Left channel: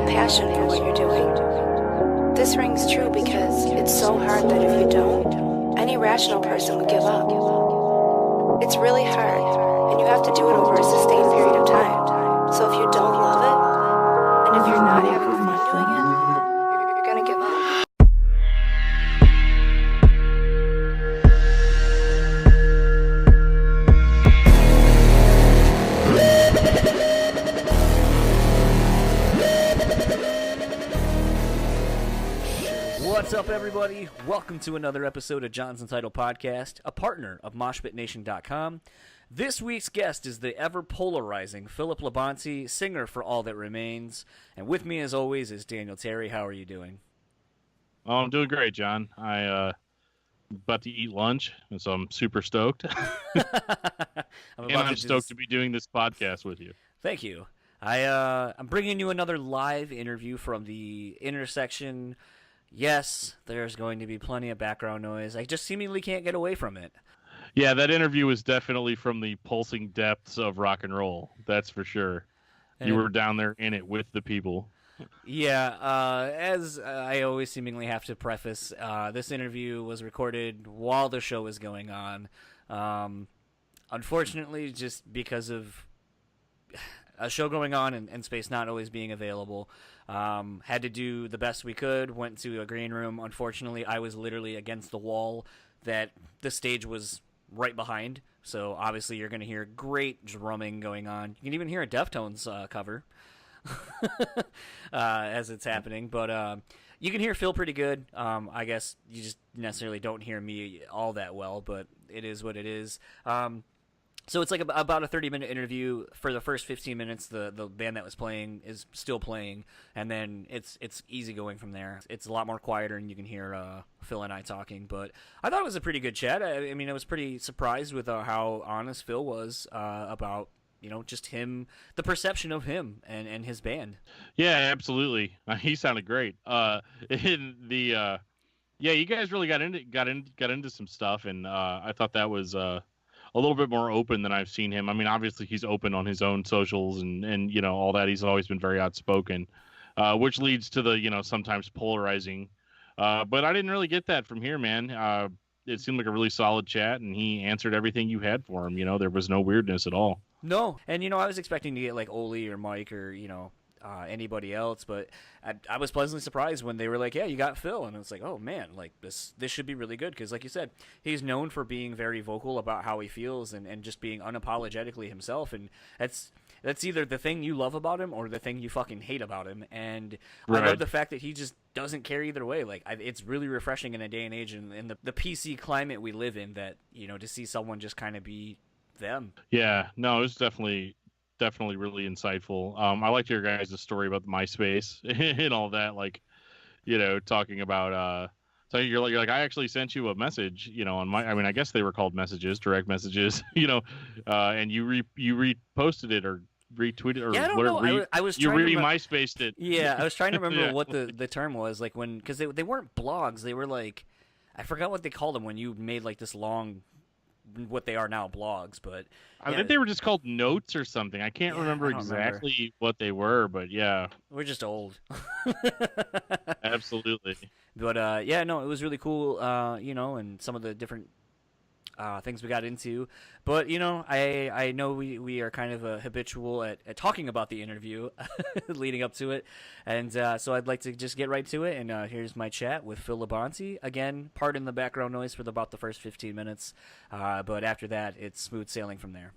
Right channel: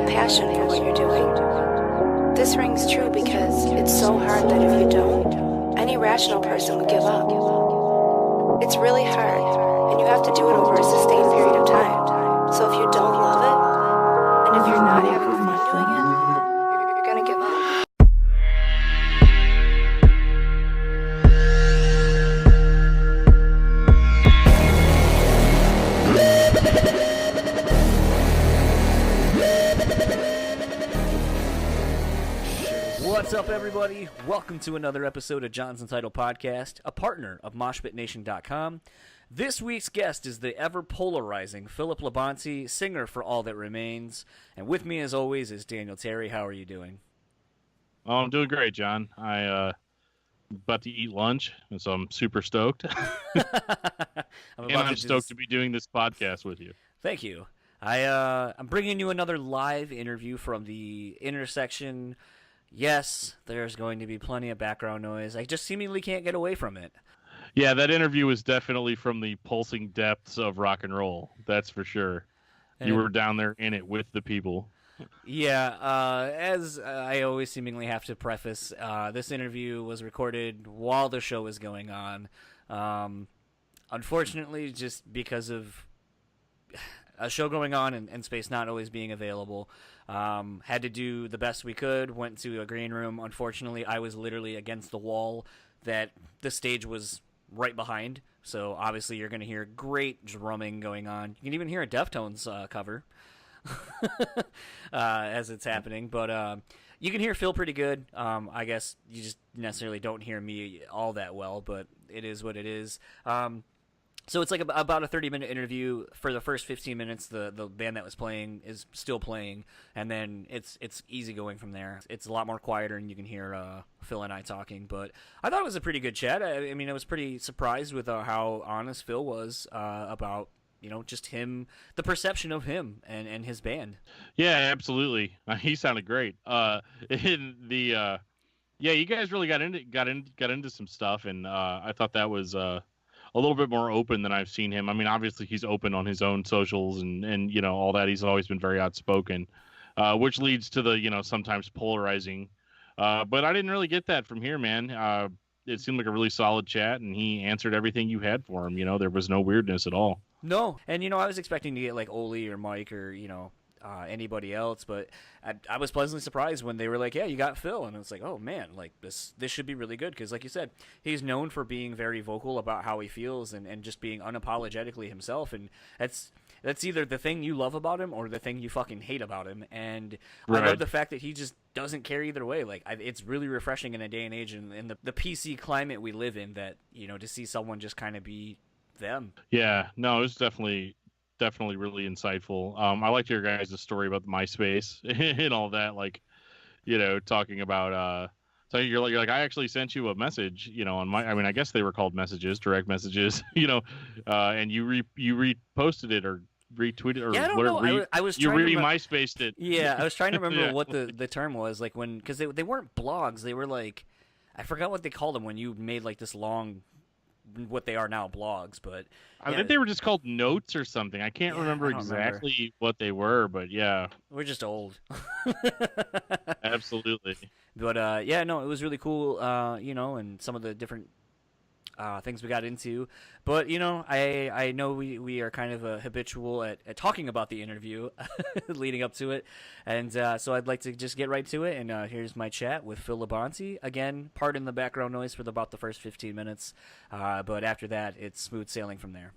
a passion for what you're doing. This rings true because it's so hard that if you don't, any rational person would give up. It's really hard, and you have to do it over a sustained period of time. So if you don't love it, and if you're not having fun doing it, you're gonna give up. What's up, everybody? Welcome to another episode of Jonsuntitledpod, a partner of MoshPitNation.com. This week's guest is the ever-polarizing Philip Labonte, singer for All That Remains. And with me, as always, is Daniel Terry. How are you doing? Oh, I'm doing great, John. About to eat lunch, and so I'm super stoked. I'm stoked to be doing this podcast with you. Thank you. I'm bringing you another live interview from the intersection. Yes, there's going to be plenty of background noise. I just seemingly can't get away from it. Yeah, that interview was definitely from the pulsing depths of rock and roll. That's for sure. You were down there in it with the people. Yeah, as I always seemingly have to preface, this interview was recorded while the show was going on. Unfortunately, just because of a show going on and space not always being available, had to do the best we could, went to a green room. Unfortunately, I was literally against the wall that the stage was right behind, so obviously you're going to hear great drumming going on. You can even hear a Deftones cover as it's happening, but you can hear Phil pretty good. I guess you just necessarily don't hear me all that well, but it is what it is. So it's like about a 30-minute interview. For the first 15 minutes, the band that was playing is still playing, and then it's easy going from there. It's a lot more quieter, and you can hear Phil and I talking. But I thought it was a pretty good chat. I mean, I was pretty surprised with how honest Phil was about, just him, the perception of him and his band. Yeah, absolutely. He sounded great. Yeah, you guys really got into some stuff, and I thought that was a little bit more open than I've seen him. I mean, obviously he's open on his own socials and all that. He's always been very outspoken, which leads to the, sometimes polarizing. But I didn't really get that from here, man. It seemed like a really solid chat, and he answered everything you had for him. There was no weirdness at all. No. And, I was expecting to get like Oli or Mike or, anybody else, but I was pleasantly surprised when they were like, yeah, you got Phil, and it's like, oh man, like this should be really good, because like you said, he's known for being very vocal about how he feels and just being unapologetically himself, and that's either the thing you love about him or the thing you fucking hate about him, and right. I love the fact that he just doesn't care either way. Like, it's really refreshing in a day and age in the PC climate we live in, that to see someone just kind of be them. Yeah, no, it was definitely really insightful. I liked your guys' story about the MySpace and all that, like, talking about so you're like I actually sent you a message, on I guess they were called messages, direct messages, and you reposted it or retweeted or yeah, I don't whatever. know. I was you trying to MySpaced it. Yeah, I was trying to remember what the term was, like, when, because they weren't blogs, they were like, I forgot what they called them when you made like this long, what they are now, blogs, but I think they were just called notes or something. I can't remember exactly what they were, but yeah, we're just old. Absolutely. But yeah, no, it was really cool, and some of the different things we got into. But I know we are kind of habitual at talking about the interview leading up to it, and so I'd like to just get right to it. And here's my chat with Phil Labonte. Again, pardon the background noise for about the first 15 minutes, but after that, it's smooth sailing from there.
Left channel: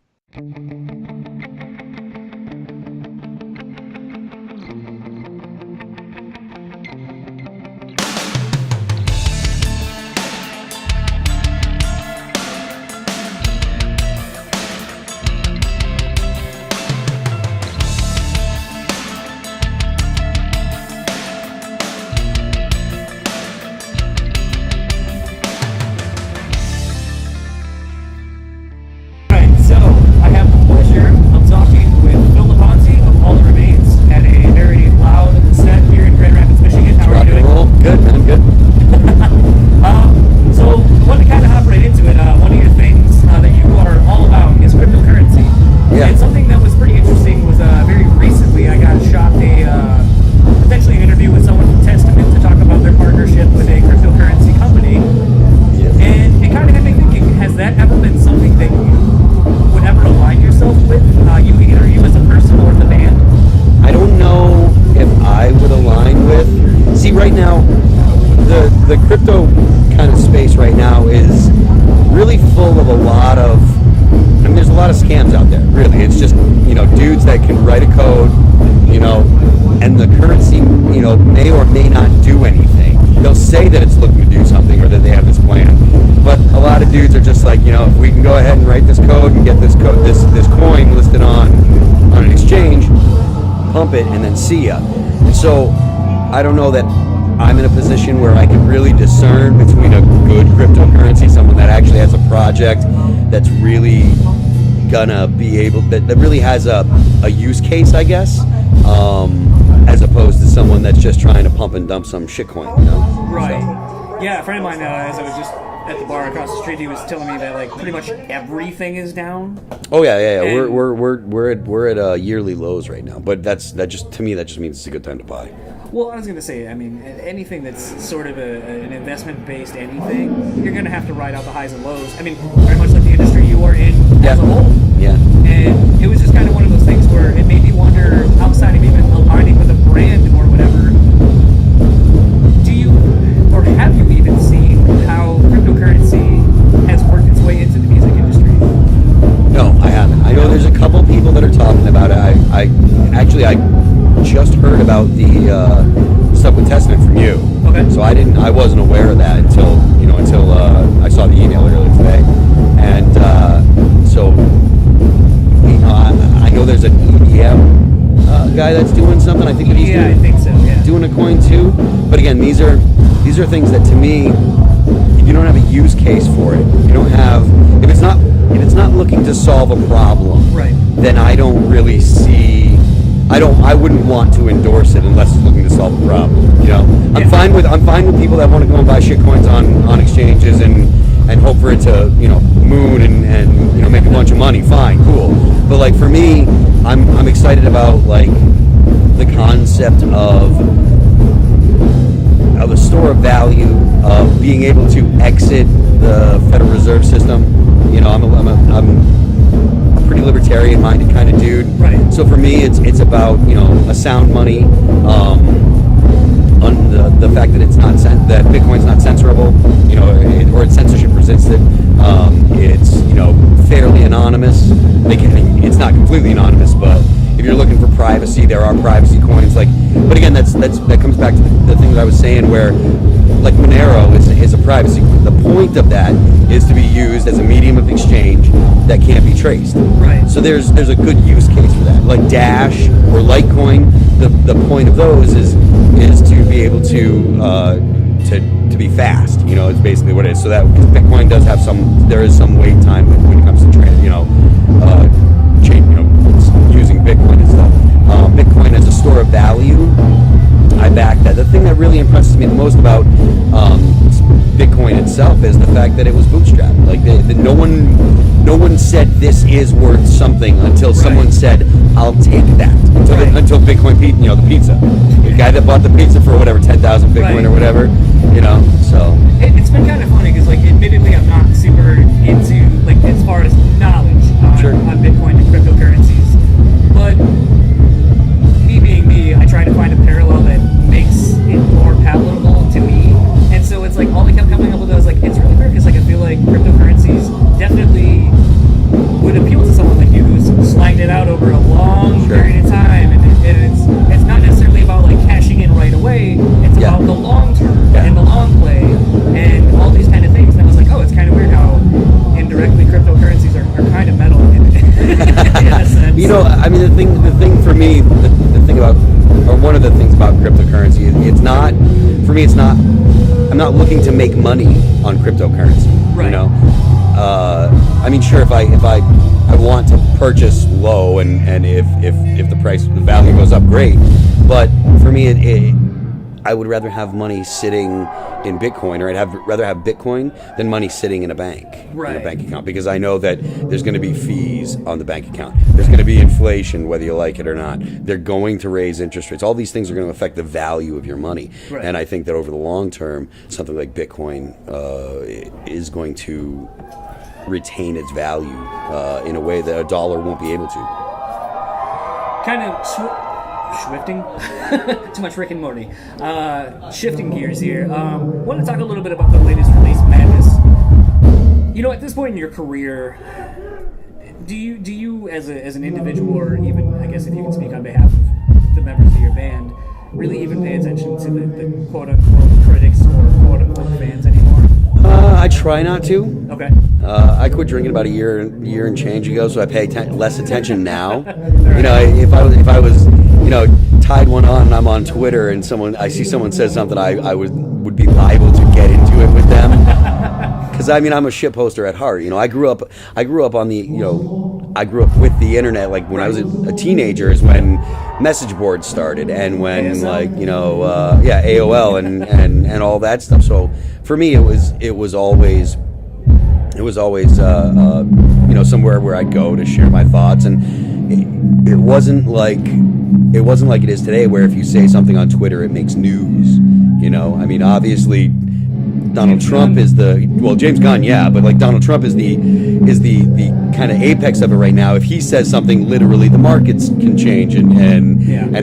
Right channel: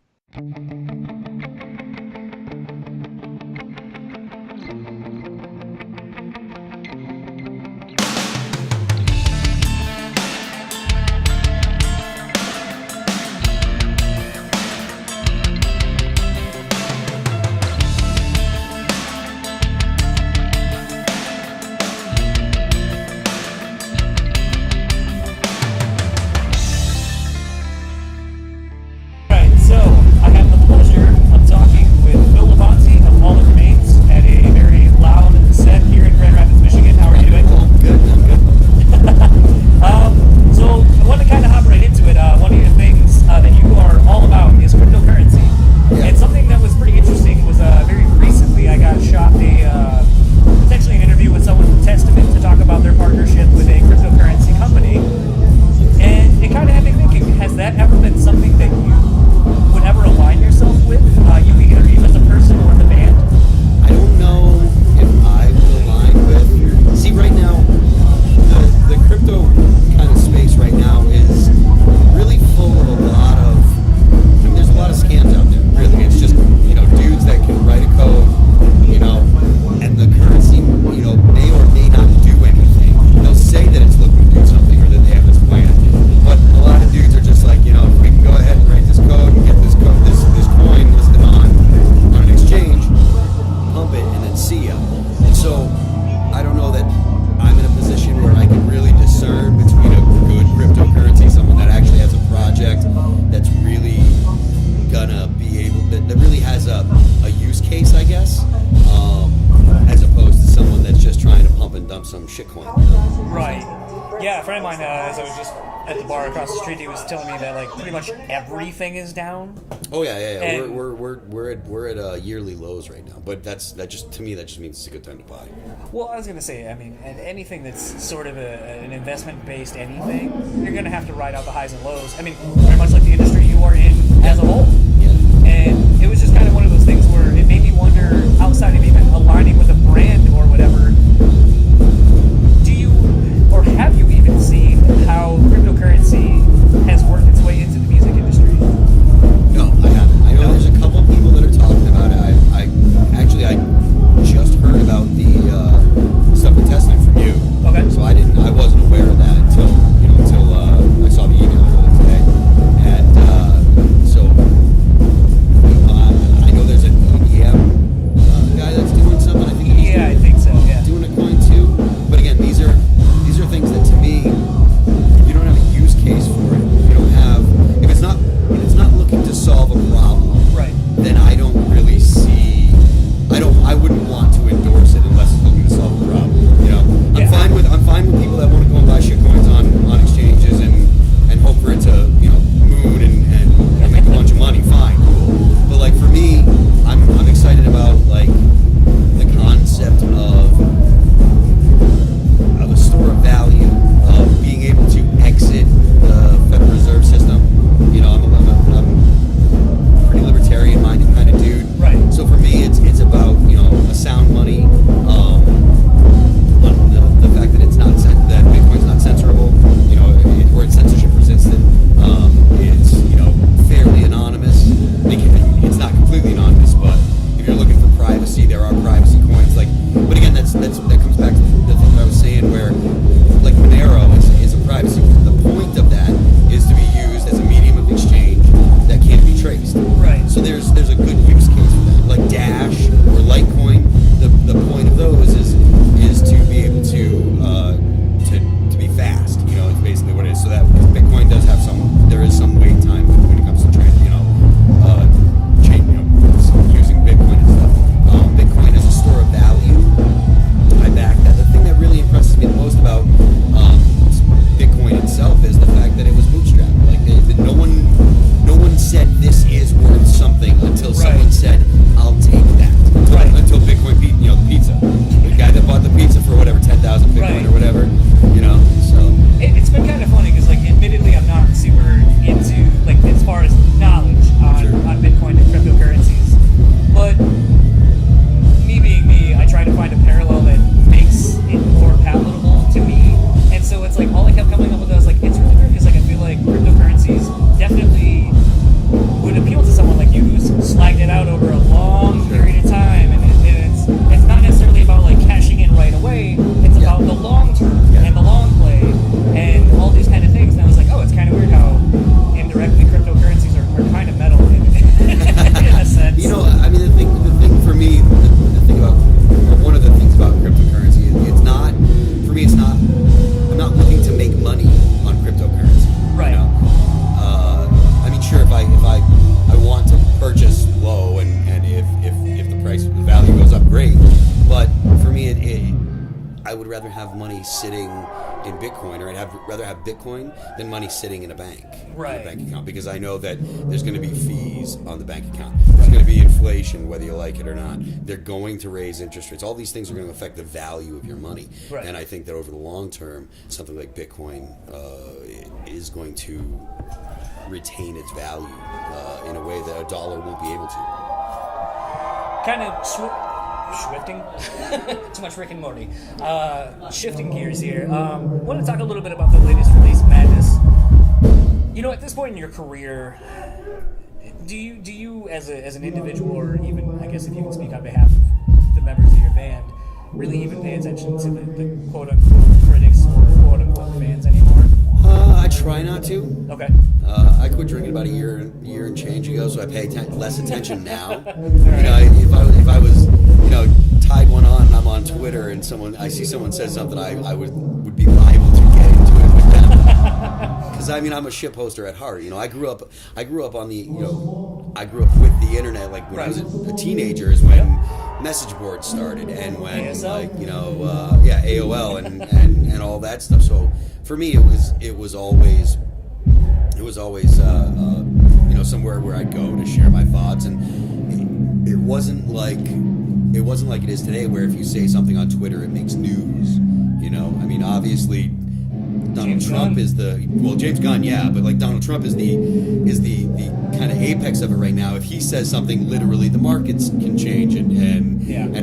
So, I have the pleasure of talking with Phil Labonte of All That Remains at a very loud set here in Grand Rapids, Michigan. How are you doing? Good, man, good. So, I want to kind of hop right into it. One of your things that you are all about is cryptocurrency. Yeah. And something that was pretty interesting was very recently I got shopped a has that ever been something that you would ever align yourself with? You as a person or the band? I don't know if I would align with. See, right now, the crypto kind of space right now is really full of a lot of. I mean, there's a lot of scams out there. Really, it's just dudes that can write a code, and the currency, may or may not do anything. They'll say that it's looking to do something or that they have this plan, but a lot of dudes are just like, if we can go ahead and write this code and get this coin listed on an exchange, pump it, and then see ya. And so, I don't know that I'm in a position where I can really discern between a good cryptocurrency, someone that actually has a project that's really gonna be able, that really has a use case, I guess, as opposed to someone that's just trying to pump and dump some shitcoin, Right. So. Yeah, a friend of mine, as I was just at the bar across the street, he was telling me that like pretty much everything is down. Oh yeah. And we're at yearly lows right now, but that just means it's a good time to buy. Well, I was going to say, I mean, anything that's sort of an investment-based anything, you're going to have to ride out the highs and lows. I mean, very much like the industry you are in as a whole. Yeah. And it was just kind of one of those things where it made me wonder, outside of even aligning with a brand or whatever, do you, or have you even seen how cryptocurrency has worked its way into the music industry? No, I haven't. I know there's a couple people that are talking about it. I just heard about the stuff with testnet from you. Okay. So I wasn't aware of that until I saw the email earlier today, and so I know there's an EDM guy that's doing something. I think that he's I think so. Yeah. Doing a coin too. But again, these are things that to me, if you don't have a use case for it, if it's not looking to solve a problem, right, then I don't really see. I wouldn't want to endorse it unless it's looking to solve a problem. I'm fine with people that want to go and buy shitcoins on exchanges and hope for it to moon and make a bunch of money. Fine, cool. But like for me, I'm excited about like the concept of a store of value, of being able to exit the Federal Reserve System. I'm a pretty libertarian-minded kind of dude. Right. So for me, it's about a sound money, on the fact that that Bitcoin's not censorable, or it's censorship resistant. It's fairly anonymous. It's not completely anonymous, but if you're looking for privacy, there are privacy coins. But again, that comes back to the thing that I was saying, where like Monero is a privacy. The point of that is to be used as a medium of exchange that can't be traced. Right. So there's a good use case for that. Like Dash or Litecoin, the point of those is to be able to be fast. It's basically what it is. So that Bitcoin does have there is some wait time when it comes to using Bitcoin and stuff. Bitcoin as a store of value, I back that. The thing that really impresses me the most about Bitcoin itself is the fact that it was bootstrapped. Like no one said this is worth something until someone said, "I'll take that." Until Bitcoin, the pizza, the guy that bought the pizza for whatever 10,000 Bitcoin or whatever, So it's been kind of funny because, like, admittedly, I'm not super into as far as knowledge on Bitcoin and cryptocurrencies, but me being me, I try to find a parallel that makes it more palatable to me. And so it's like all I kept coming up with was like, it's really weird because I feel like cryptocurrencies definitely would appeal to someone like you who's slagged it out over a long period of time, and it's not necessarily about cashing in right away. It's about the long term and the long play and all these kind of things. And I was like, oh, it's kind of weird how indirectly cryptocurrencies are kind of metal in a sense. The thing for me, the thing about, or one of the things about cryptocurrency, it's not, for me, it's not, I'm not looking to make money on cryptocurrency. Right. Sure, if I want to purchase low and if the price, the value goes up, great. But for me, I would rather have money sitting in Bitcoin, or I'd rather have Bitcoin than money sitting in a bank, in a bank account, because I know that there's going to be fees on the bank account. There's going to be inflation, whether you like it or not. They're going to raise interest rates. All these things are going to affect the value of your money. Right. And I think that over the long term, something like Bitcoin is going to retain its value in a way that a dollar won't be able to. Kind of shifting. Too much Rick and Morty. Shifting gears here. Want to talk a little bit about the latest release, Madness. At this point in your career, do you as an individual, or even, I guess if you can speak on behalf of the members of your band, really even pay attention to the quote-unquote critics or quote-unquote fans anymore? I try not to. Okay. I quit drinking about a year and change ago, so I pay less attention now. If I was, tied one on and I'm on Twitter and I see someone says something, I would be liable to get into it with them. Because I'm a shit poster at heart. I grew up on the, I grew up with the internet. Like when I was a teenager is when message boards started, and when ASL? AOL and all that stuff. So for me, it was always somewhere where I'd go to share my thoughts, and it wasn't like it is today, where if you say something on Twitter, it makes news. Obviously, Donald Trump is James Gunn, yeah, but like Donald Trump is the kind of apex of it right now. If he says something, literally the markets can change, and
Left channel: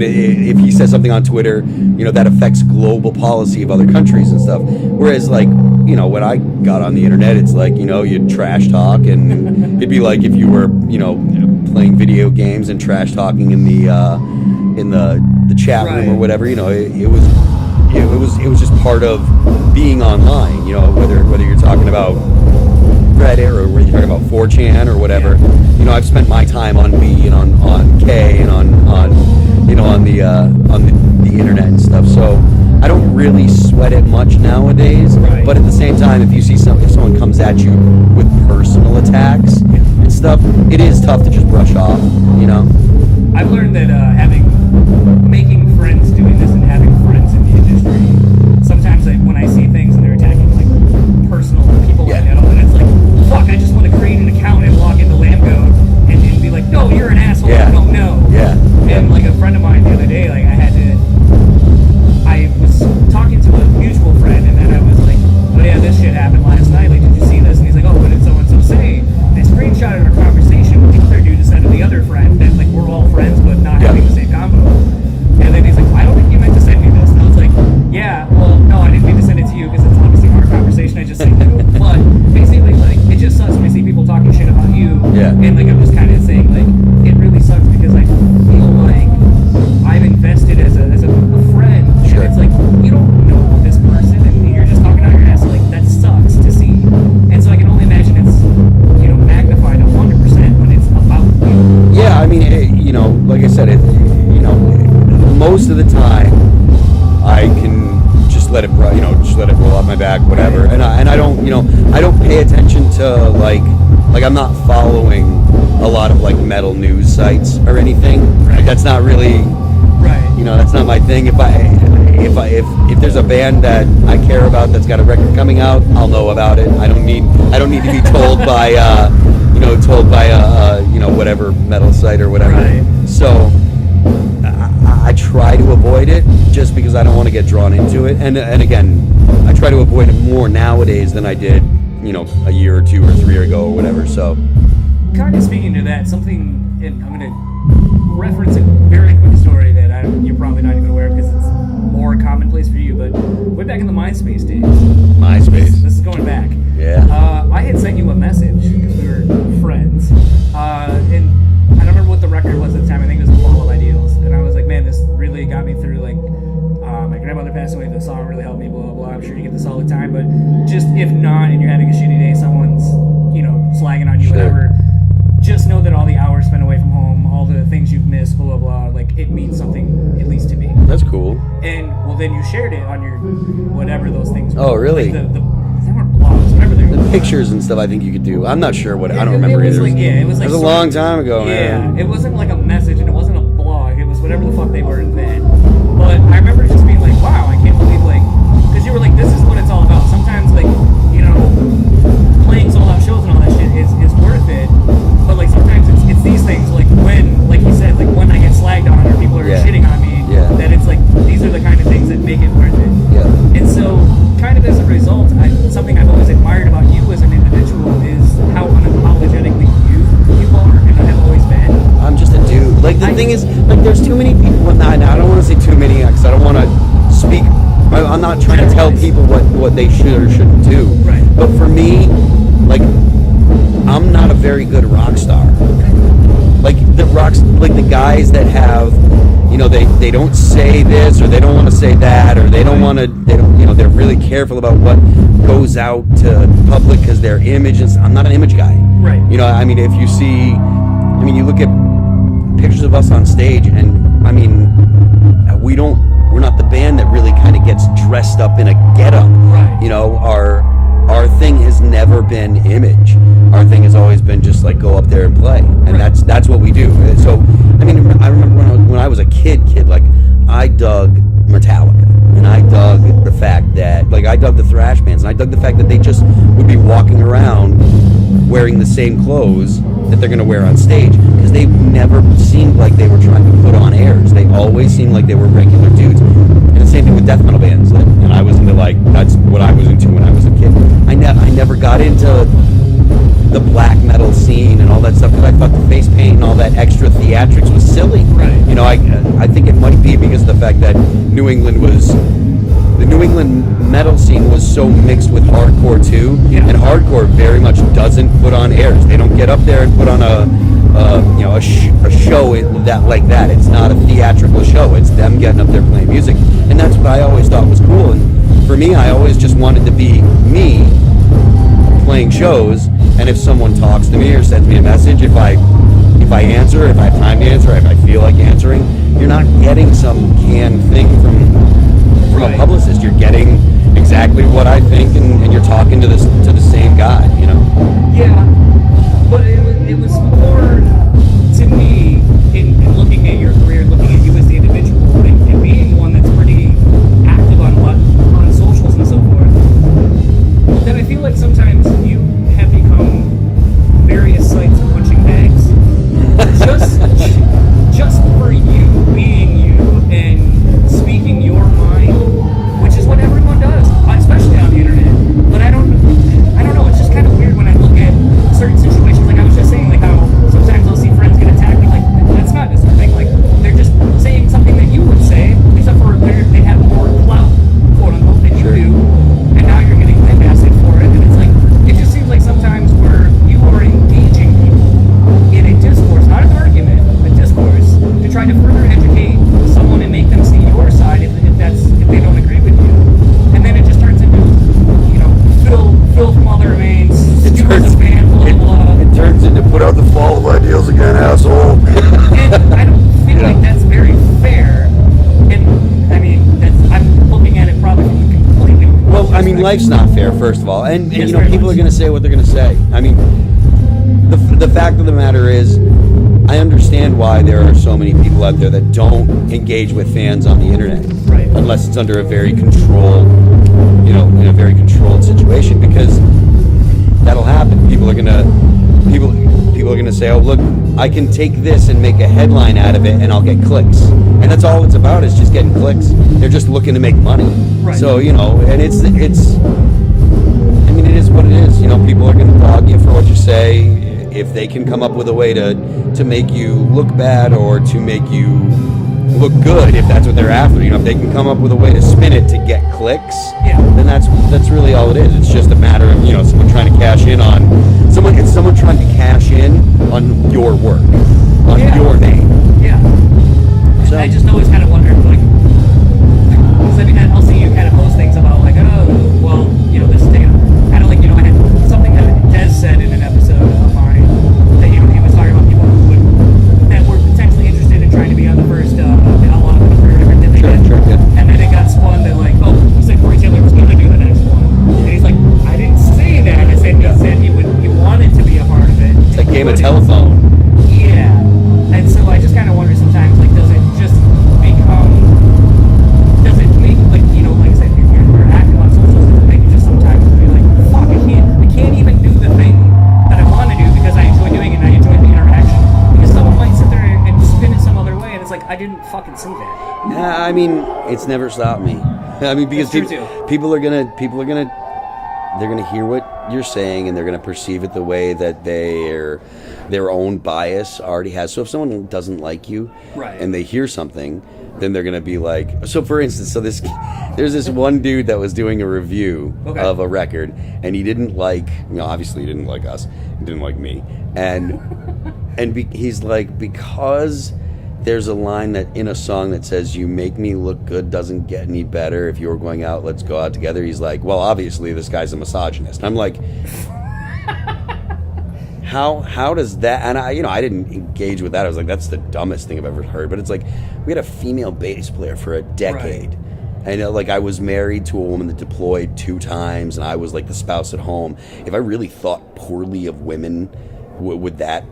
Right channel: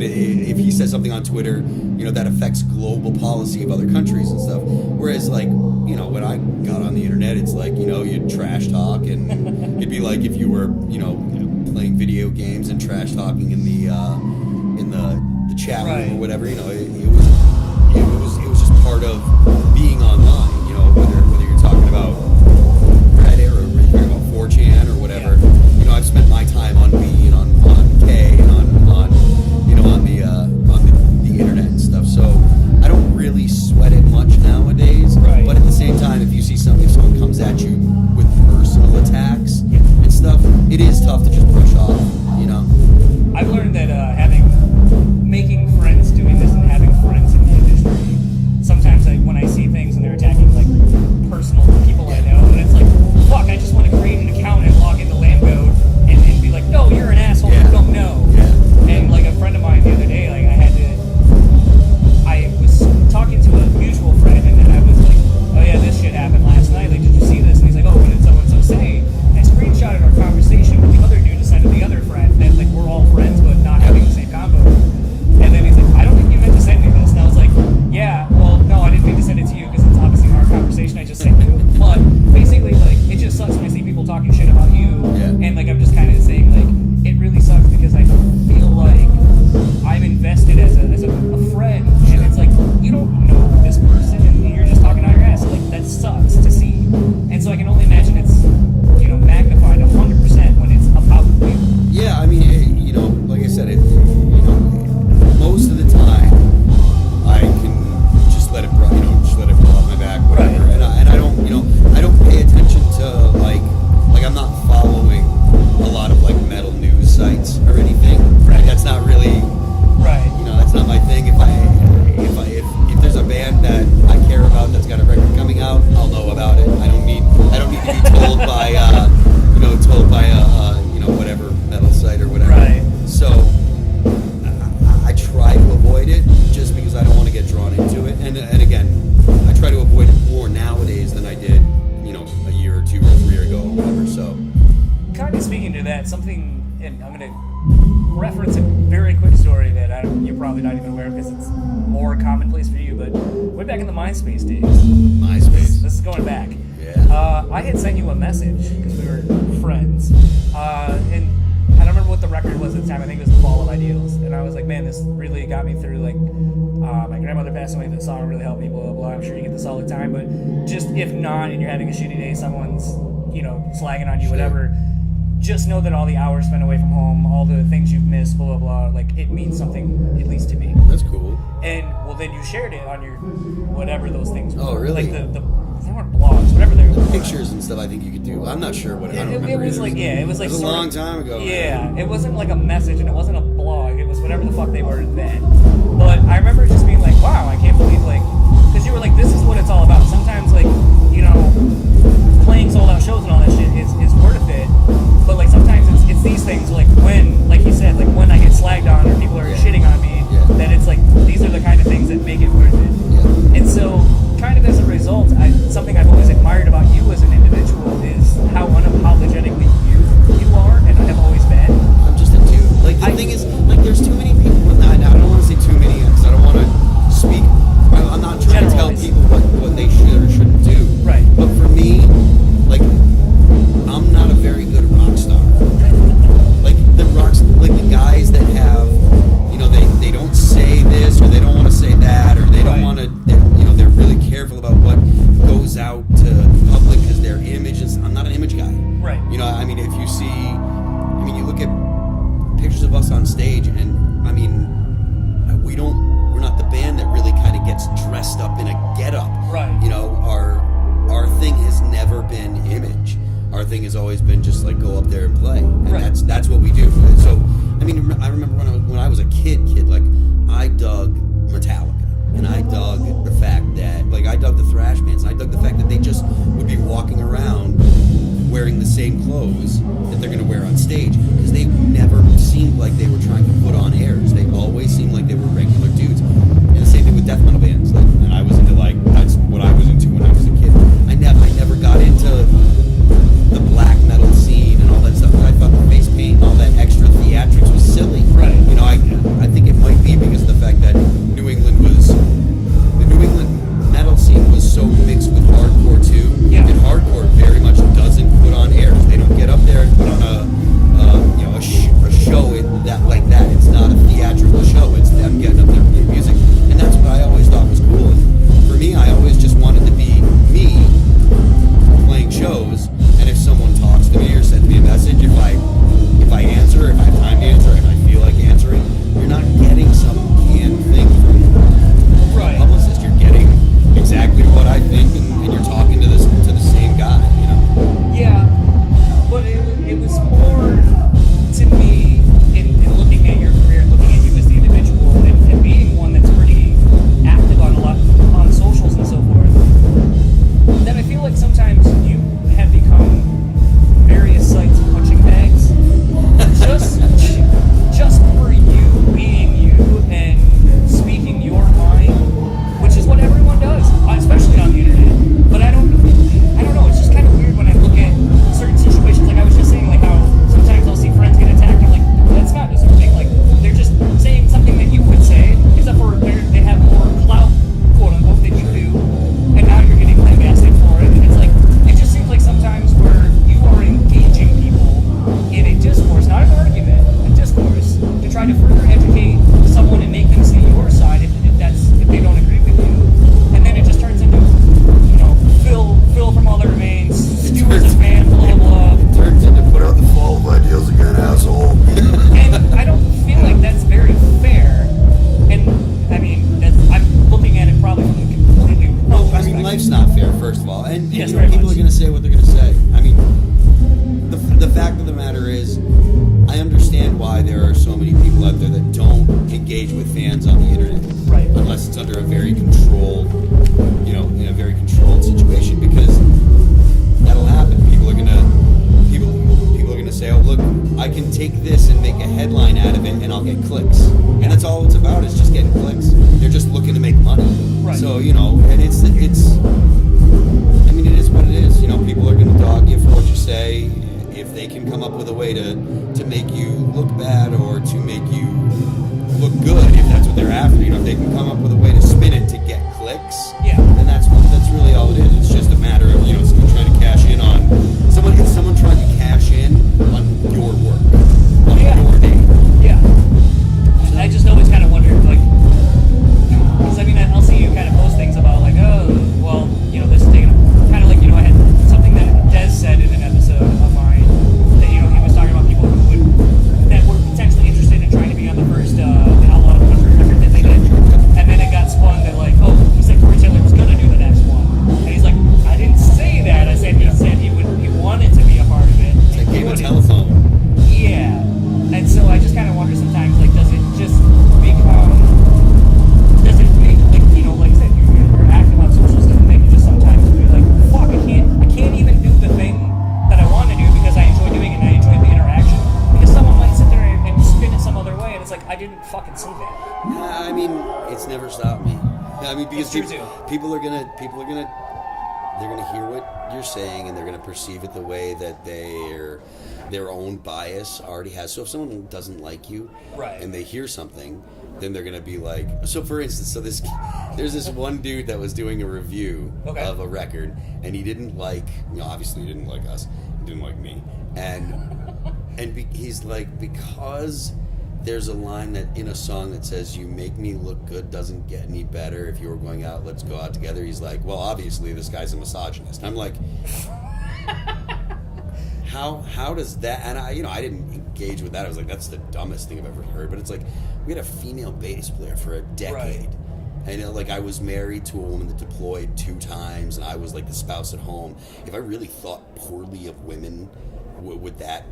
if he says something on Twitter, that affects global policy of other countries and stuff. Whereas when I got on the internet, it's like you'd trash talk, and it'd be like if you were playing video games and trash talking in the chat room or whatever. It was just part of being online. Whether you're talking about Reddit or whether you're talking about 4chan or whatever. Yeah. I've spent my time on B and on Chae and on the internet and stuff. So I don't really sweat it much nowadays. Right. But at the same time, if someone comes at you with personal attacks and stuff, it is tough to just brush off. I've learned that making friends doing this and having friends in the industry, sometimes when I see things and they're attacking like personal people I know, and it's like, fuck, I just want to create an account and log into Lambgoat and be like, no, you're an asshole, you don't know. Yeah. And like a friend of mine the other day, like I was talking to a mutual friend, and then I was like, oh yeah, this shit happened last night, like, did you see this? And he's like, oh, what did so-and-so say? And I screenshotted our conversation with the other dude to send to the other friend, that like we're all friends but not having the same combo. And then he's like, I don't think you meant to send me this. And I was like, yeah, well, no, I didn't mean to send it to you because it's obviously our conversation I just sent you. But basically, like, it just sucks when I see people talking shit about you. Yeah. And like, I'm just kind of saying, like, it really sucks because I feel like I'm invested as a friend. Sure. And it's like, you don't know this person and you're just talking out your ass. Like, that sucks to see. And so I can only imagine it's, magnified 100% when it's about you. Yeah, like I said, most of the time I can just let it roll off my back, whatever. Right. And I don't pay attention to like I'm not following a lot of like metal news sites or anything. Right. Like, that's not really that's not my thing. If there's a band that I care about that's got a record coming out, I'll know about it. I don't need to be told by whatever metal site or whatever. Right. So I try to avoid it just because I don't want to get drawn into it. And again, I try to avoid it more nowadays than I did, a year or 2 or 3 ago or whatever. So kind of speaking to that, something, and I'm going to reference a very quick story that you're probably not even aware of because it's more commonplace for you, but way back in the MySpace days. MySpace. This is going back. Yeah. I had sent you a message because we were friends, and I don't remember what the record was at the time. I think it was The Fall of Ideals, and I was like, man, this really got me through, like, my grandmother passed away, the song really helped me, blah, blah, blah. I'm sure you get this all the time, but just if not, and you're having a shitty day, someone's, slagging on you, whatever, just know that all the hours spent away from home, all the things you've missed, blah, blah, blah, like, it means something, at least to me. That's cool. And, well, then you shared it on your, whatever those things were. Oh, really? Like they weren't blogs, whatever they were. The pictures and stuff I think you could do. I'm not sure what, I don't remember either. It was a long time ago, man. Yeah, it wasn't like a message and it wasn't a blog, it was whatever the fuck they were then. But I remember just being like, wow, I can't believe, like, because you were like, this is what it's all about. Sometimes, like, playing sold out shows and all that shit is worth it, but like sometimes it's these things, like when, like you said, like when I get slagged on or people are shitting on me, that it's like these are the kind of things that make it worth it. Yeah. And so kind of as a result, something I've always admired about you as an individual is how unapologetically you are and have always been. I'm just a dude. Like, the thing is, like, there's too many people in that. Now, I don't want to say too many, because I don't want to speak. I'm not trying to tell people what they should or shouldn't do. Right. But for me, like, I'm not a very good rock star. Like, the guys that have, you know, they don't say this, or they don't want to say that, or they don't want to, you know, they're really careful about what goes out to public because their image is. I'm not an image guy. Right. You know, I mean, if you see, I mean, you look at pictures of us on stage, and I mean, we're not the band that really kind of gets dressed up in a getup. Right. You know, our thing has never been image. Our thing has always been just like go up there and play, and that's what we do. So, I mean, I remember when I was a kid, like, I dug Metallica, and I dug the fact that, like, I dug the thrash bands, and I dug the fact that they just would be walking around wearing the same clothes that they're going to wear on stage, because they never seemed like they were trying to put on airs. They always seemed like they were regular dudes. And the same thing with death metal bands. Like, and I was into, like, that's what I was into when I was a kid. I never got into the black metal scene and all that stuff, because I thought the face paint and all that extra theatrics was silly. Right. You know, I think it might be because of the fact that the New England metal scene was so mixed with hardcore too, and hardcore very much doesn't put on airs. They don't get up there and put on a show that like that. It's not a theatrical show. It's them getting up there playing music, and that's what I always thought was cool. And for me, I always just wanted to be me playing shows. And if someone talks to me or sends me a message, if I answer, if I have time to answer, if I feel like answering, you're not getting some canned thing from a publicist. You're getting exactly what I think, and you're talking to the same guy, you know? Yeah, but it was more to me in looking at your career, looking at you as the individual, and being one that's pretty active on socials and so forth, that I feel like sometimes you have become various sites of punching bags just for you being you and speaking your mind, which is what everyone does, especially on the internet. But I don't know, it's just kind of weird when I look at certain situations. Like I was just saying, like how sometimes I'll see friends get attacked, and like, that's not deserving. Like, they're just saying something that you would say, except for they have more clout, quote unquote, than you do, and now you're getting lambasted for it. And it's like, it just seems like sometimes where you are engaging people in a discourse, not an argument, a discourse, to try to further educate someone and make them see your side if they don't agree with you. And then it just turns into, you know, Phil from All That Remains, Stu as a fan, blah, blah, blah. It turns into put out the fall of ideals again, asshole. And I don't feel like that's very fair. And, I mean, I'm looking at it probably from the completely wrong Well, I mean, perspective. life's not fair, first of all. And Yes, you know, very people much. are going to say what they're going to say. I mean, the fact of the matter is, I understand why there are so many people out there that don't engage with fans on the internet. Right. Unless it's under a very controlled, you know, in a very controlled situation, because that'll happen. People are going to say, oh, look, I can take this and make a headline out of it and I'll get clicks. And that's all it's about, is just getting clicks. They're just looking to make money. Right. So, you know, and it's I mean, it is what it is. You know, people are going to dog you for what you say. If they can come up with a way to make you look bad or to make you look good, if that's what they're after, you know, if they can come up with a way to spin it to get clicks, then that's really all it is. It's just a matter of, you know, someone trying to cash in on someone. It's someone trying to cash in on your work, on your name. Yeah. So, I just always kind of wondered, like, because I mean, I'll see you kind of post things about, like, oh, well, you know, this thing, kind of like, you know, I had something that Des said in an episode of mine that, you know, he was talking about people that were potentially interested in trying to be on the first Outlaw Country record that they did. Sure, yeah. And then it got spun that, like, oh, he said Corey Taylor was going to do the next one. And he's like, I didn't say that. I said he said he wanted to be a part of it. It's like game of telephone. Yeah. And so I just kind of wonder sometimes, like, does it make, like, you know, like I said, you're active on socials, does it make you just sometimes be like, fuck, I can't even do the thing that I want to do because I enjoy doing it and I enjoy the interaction, because someone might sit there and spin it some other way, and it's like, I didn't fucking say that. Yeah, I mean, it's never stopped me. I mean, because It's true, too. people are gonna gonna hear what you're saying, and they're gonna perceive it the way that their own bias already has. So if someone doesn't like you, Right. and they hear something, then they're gonna be like, so for instance, there's this one dude that was doing a review Okay. of a record, and he didn't like, obviously he didn't like us, he didn't like me, and he's like, because there's a line that in a song that says, "You make me look good doesn't get any better. If you were going out, let's go out together." He's like, well, obviously this guy's a misogynist. I'm like, how does that? And I didn't engage with that. I was like, that's the dumbest thing I've ever heard. But it's like, we had a female bass player for a decade. Right. And I was married to a woman that deployed 2 times, and I was like the spouse at home. If I really thought poorly of women, would that?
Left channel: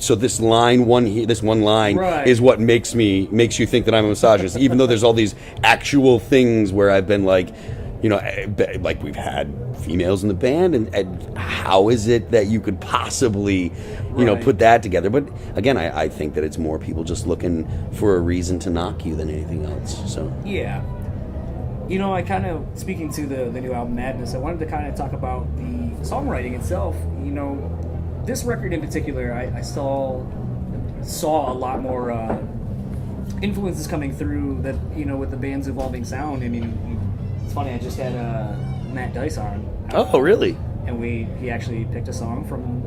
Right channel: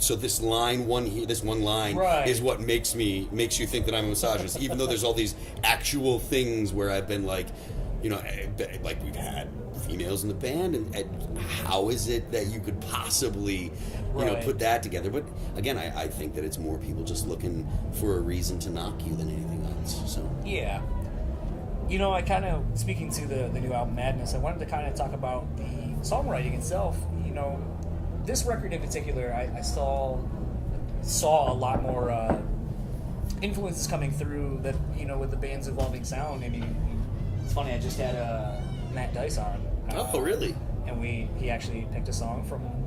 So this one line Right. is what makes you think that I'm a misogynist, even though there's all these actual things where I've been like, like we've had females in the band, and how is it that you could possibly, Right. put that together? But again, I think that it's more people just looking for a reason to knock you than anything else. So Yeah. I kind of, speaking to the new album Madness, I wanted to kind of talk about the songwriting itself. This record in particular, I saw a lot more influences coming through that, with the band's evolving sound. I mean, it's funny, I just had Matt Dice on. Oh, really? And he actually picked a song from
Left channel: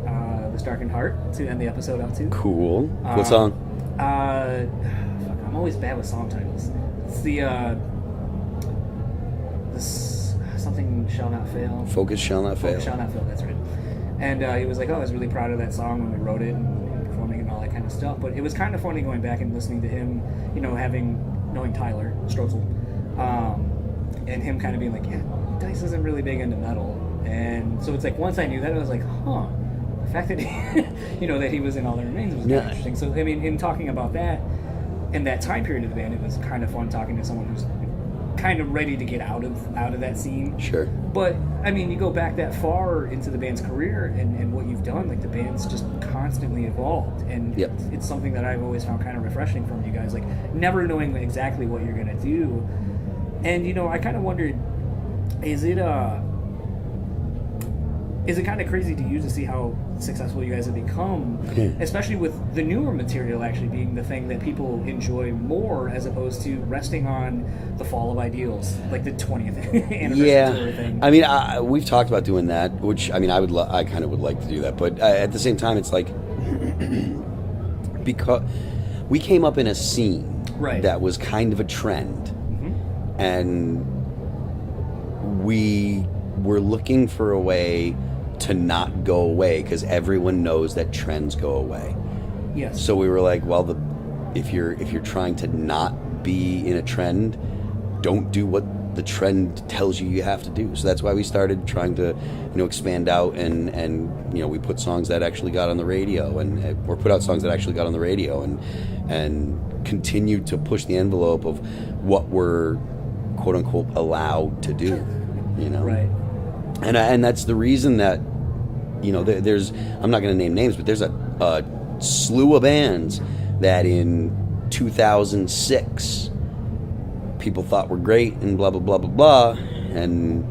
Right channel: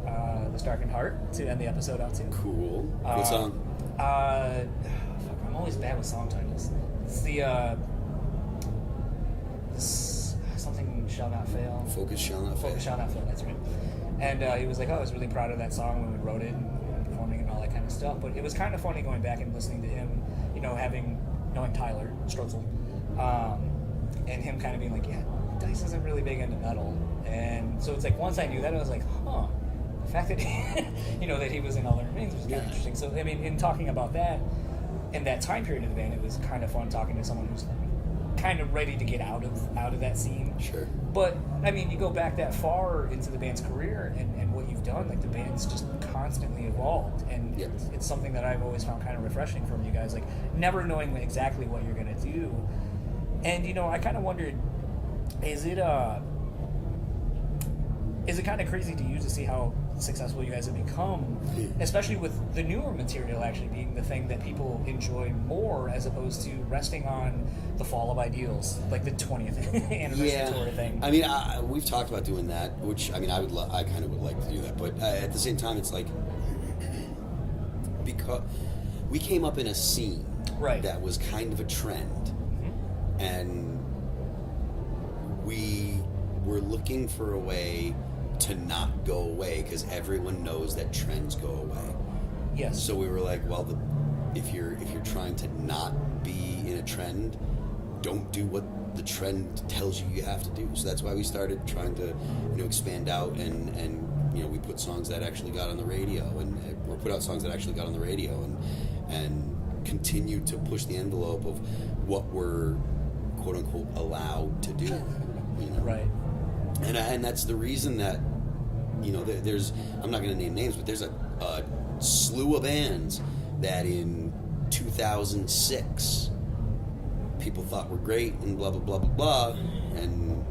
The Darkened Heart to end the episode out to. Cool. What song? Fuck, I'm always bad with song titles. It's this something shall not fail. Focus shall not fail. Focus shall not fail. That's right. And he was like, "Oh, I was really proud of that song when we wrote it and performing it and all that kind of stuff." But it was kind of funny going back and listening to him, knowing Tyler Strotzel, and him kind of being like, "Yeah, Dice isn't really big into metal." And so it's like, once I knew that, I was like, "Huh." The fact that that he was in All That Remains was kind of interesting. So I mean, in talking about that and that time period of the band, it was kind of fun talking to someone who's kind of ready to get out of that scene. Sure. But I mean, you go back that far into the band's career and what you've done, like the band's just constantly evolved, and Yep. it's something that I've always found kind of refreshing from you guys, like never knowing exactly what you're gonna do. And I kind of wondered, is it kind of crazy to you to see how successful you guys have become, especially with the newer material actually being the thing that people enjoy more, as opposed to resting on the fall of ideals, like the 20th anniversary tour thing? I mean, we've talked about doing that, which I mean, I kind of would like to do that, but at the same time, it's like because we came up in a scene Right. that was kind of a trend, and we were looking for a way to not go away, because everyone knows that trends go away. Yes. So we were like, well, if you're trying to not be in a trend, don't do what the trend tells you have to do. So that's why we started trying to, expand out and we put songs that actually got on the radio, or put out songs that actually got on the radio, and continued to push the envelope of what we're quote unquote allowed to do. Right. And that's the reason that, there's, I'm not going to name names, but there's a slew of bands that in 2006 people thought were great and blah, blah, blah, blah, blah, and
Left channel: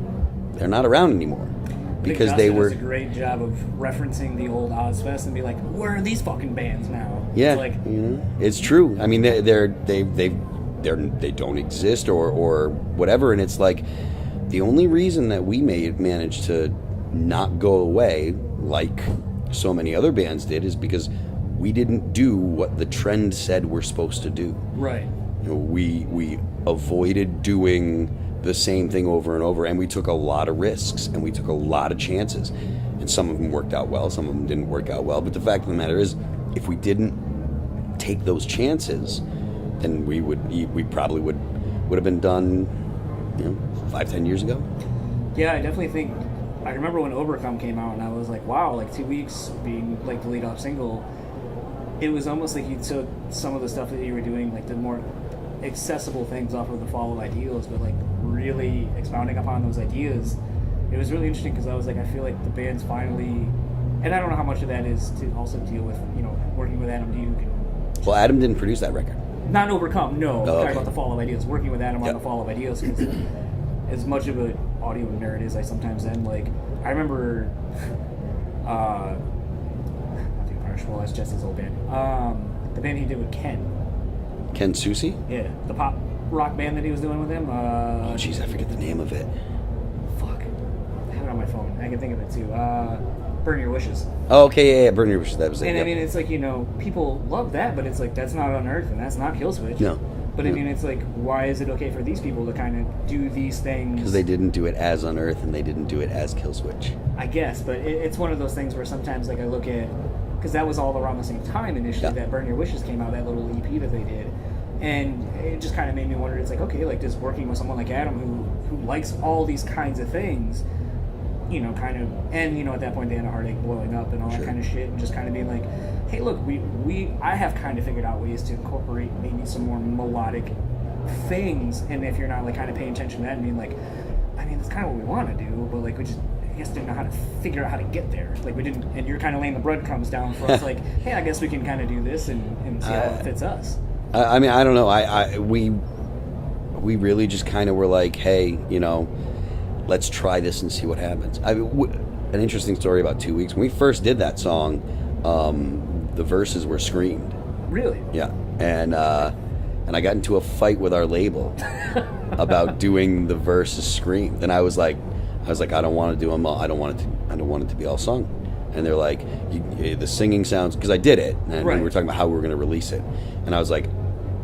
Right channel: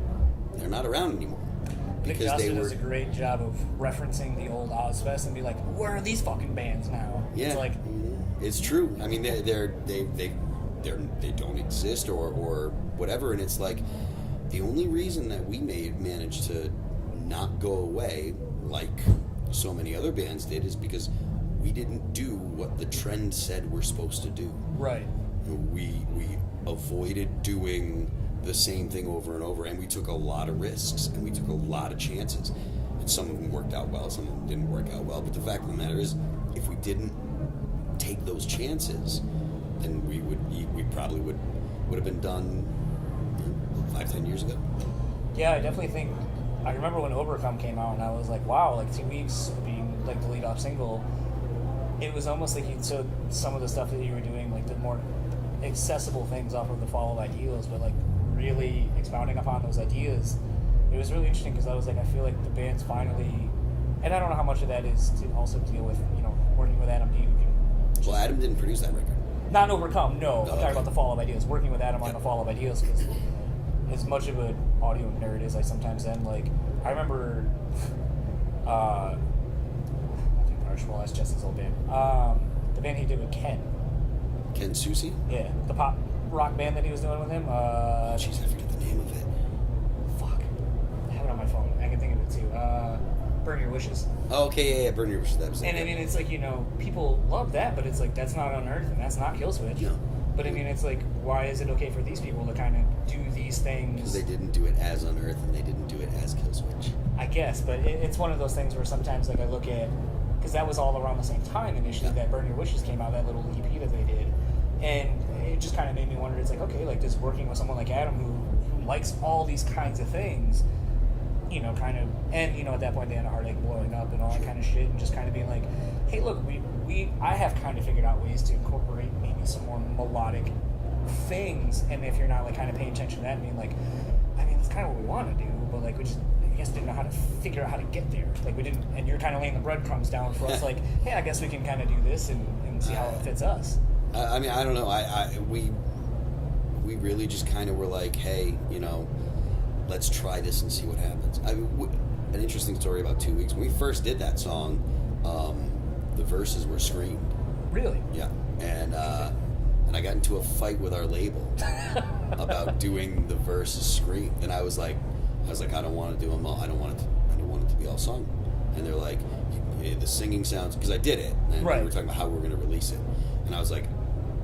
they're not around anymore. Because they were... does a great job of referencing the old Ozfest and be like, where are these fucking bands now? Yeah, It's like, it's true. I mean, they don't exist or whatever, and it's like, the only reason that we managed to not go away like so many other bands did is because we didn't do what the trend said we're supposed to do. right. We avoided doing the same thing over and over, and we took a lot of risks and we took a lot of chances, and some of them worked out well, some of them didn't work out well. But the fact of the matter is, if we didn't take those chances, then we probably would have been done 5-10 years ago. Yeah, I definitely think, I remember when Overcome came out and I was like, wow, like 2 weeks being like the lead off single, it was almost like you took some of the stuff that you were doing, like the more accessible things off of the Fall of Ideals, but like really expounding upon those ideas. It was really interesting because I was like, I feel like the band's finally, and I don't know how much of that is to also deal with, working with Adam Duke. Well, Adam didn't produce that record. Not Overcome, no. Oh, I'm talking okay. about the Fall of Ideals. Working with Adam on Yep. the Fall of Ideals, because as much of an audio nerd as I sometimes am, like, I remember, not being partial, that's Jesse's old band. The band he did with Ken. Ken Susi? Yeah, the pop rock band that he was doing with him. Oh, jeez, I forget the name of it. Fuck. I have it on my phone. I can think of it too. Burn Your Wishes. Oh, okay, yeah, Burn Your Wishes. That was it. And yep. I mean, it's like, you know, people love that, but it's like, that's not Unearth and that's not Killswitch. No. But I mean, it's like, why is it okay for these people to kind of do these things? Because they didn't do it as Unearth and they didn't do it as Killswitch. I guess, but it's one of those things where sometimes, like, I look at, because that was all around the same time initially that Burn Your Wishes came out, that little EP that they did. And it just kind of made me wonder, it's like, okay, like, just working with someone like Adam who likes all these kinds of things, you know, kind of, and, you know, at that point they had a Heartsick blowing up and all that kind of shit, and just kind of being like, hey, look, I have kind of figured out ways to incorporate maybe some more melodic things, and if you're not, like, kind of paying attention to that and being like, I mean, that's kind of what we want to do, but, like, we just, I guess, didn't know how to figure out how to get there. Like, we didn't, and you're kind of laying the breadcrumbs down for us, like, hey, I guess we can kind of do this and see how it fits us. I mean, I don't know. We really just kind of were like, hey, you know, let's try this and see what happens. An interesting story about 2 weeks. When we first did that song, the verses were screamed. Really? Yeah. And I got into a fight with our label about doing the verses screamed. And I was like, I don't want to do them all. I don't want it to be all sung. And they're like, the singing sounds, because I did it, and we were talking about how we were going to release it. And I was like,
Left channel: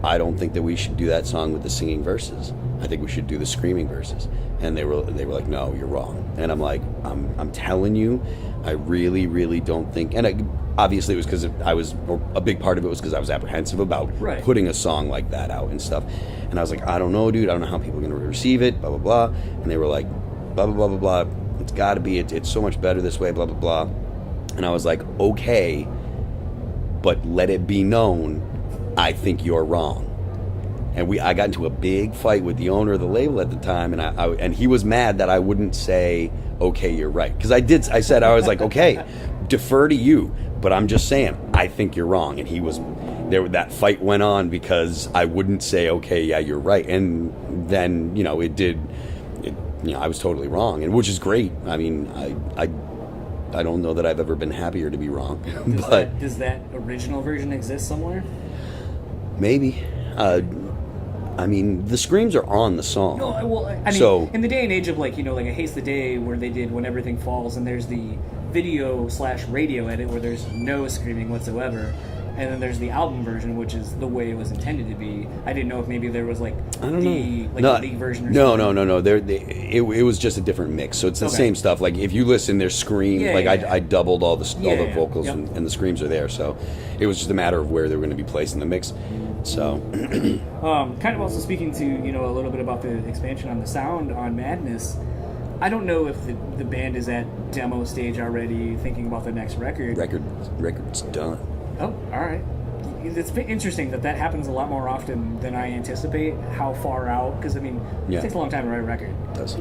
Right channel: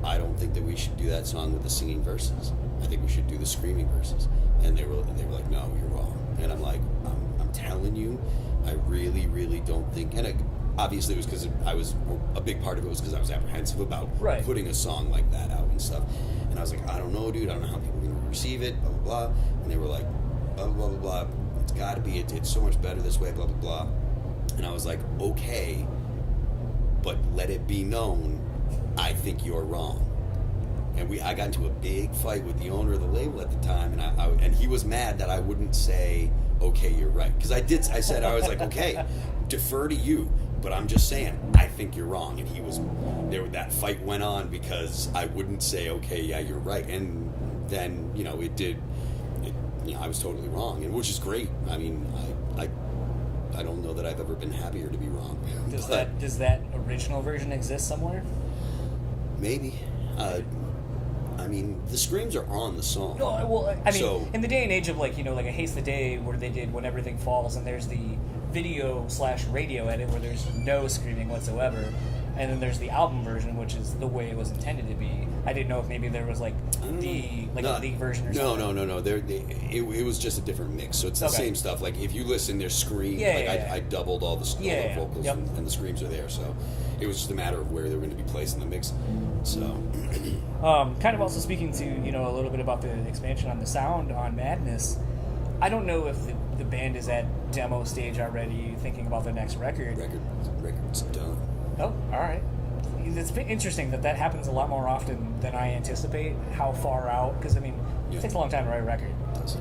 I don't think that we should do that song with the singing verses. I think we should do the screaming verses. And they were like, no, you're wrong. And I'm like, I'm telling you, I really, really don't think. And obviously it was because a big part of it was because I was apprehensive about putting a song like that out and stuff. And I was like, I don't know, dude. I don't know how people are going to receive it, blah, blah, blah. And they were like, blah, blah, blah, blah, blah. It's got to be, it's so much better this way, blah, blah, blah. And I was like, okay, but let it be known, I think you're wrong. And I got into a big fight with the owner of the label at the time, and he was mad that I wouldn't say, okay, you're right. Because I said, I was like, okay, defer to you, but I'm just saying, I think you're wrong. And he was, that fight went on because I wouldn't say, okay, yeah, you're right. And then, you know, I was totally wrong, and which is great. I mean, I don't know that I've ever been happier to be wrong. Does that original version exist somewhere? Maybe. I mean, the screams are on the song. No, well, I mean, so, in the day and age of, like, you know, like A Haste the Day, where they did When Everything Falls, and there's the video/radio edit where there's no screaming whatsoever, and then there's the album version, which is the way it was intended to be. I didn't know if maybe there was, like, a league version or something. No. It was just a different mix, so it's the same stuff. Like, if you listen, there's scream. I doubled all the vocals, and the screams are there, so it was just a matter of where they were going to be placed in the mix. So, kind of also speaking to, you know, a little bit about the expansion on the sound on Madness. I don't know if the band is at demo stage already, thinking about the next record. Record's done. Oh, all right. It's been interesting that happens a lot more often than I anticipate. How far out? Because I mean, it takes a long time to write a record. It does.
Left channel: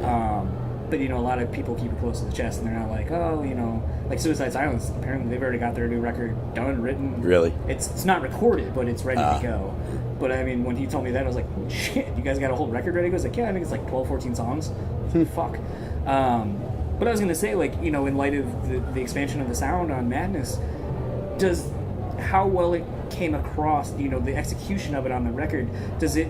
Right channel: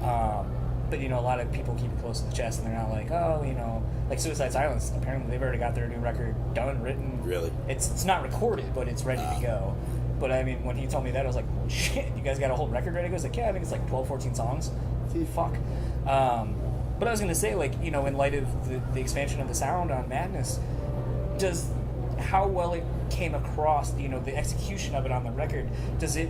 But, you know, a lot of people keep it close to the chest, and they're not like, oh, you know, like Suicide Silence. Apparently, they've already got their new record done, written. Really? It's not recorded, but it's ready to go. But I mean, when he told me that, I was like, holy shit, you guys got a whole record ready? He goes like, yeah, I think it's like 12, 14 songs. Fuck. But I was gonna say, like, you know, in light of the expansion of the sound on Madness, how well it came across, you know, the execution of it on the record, does it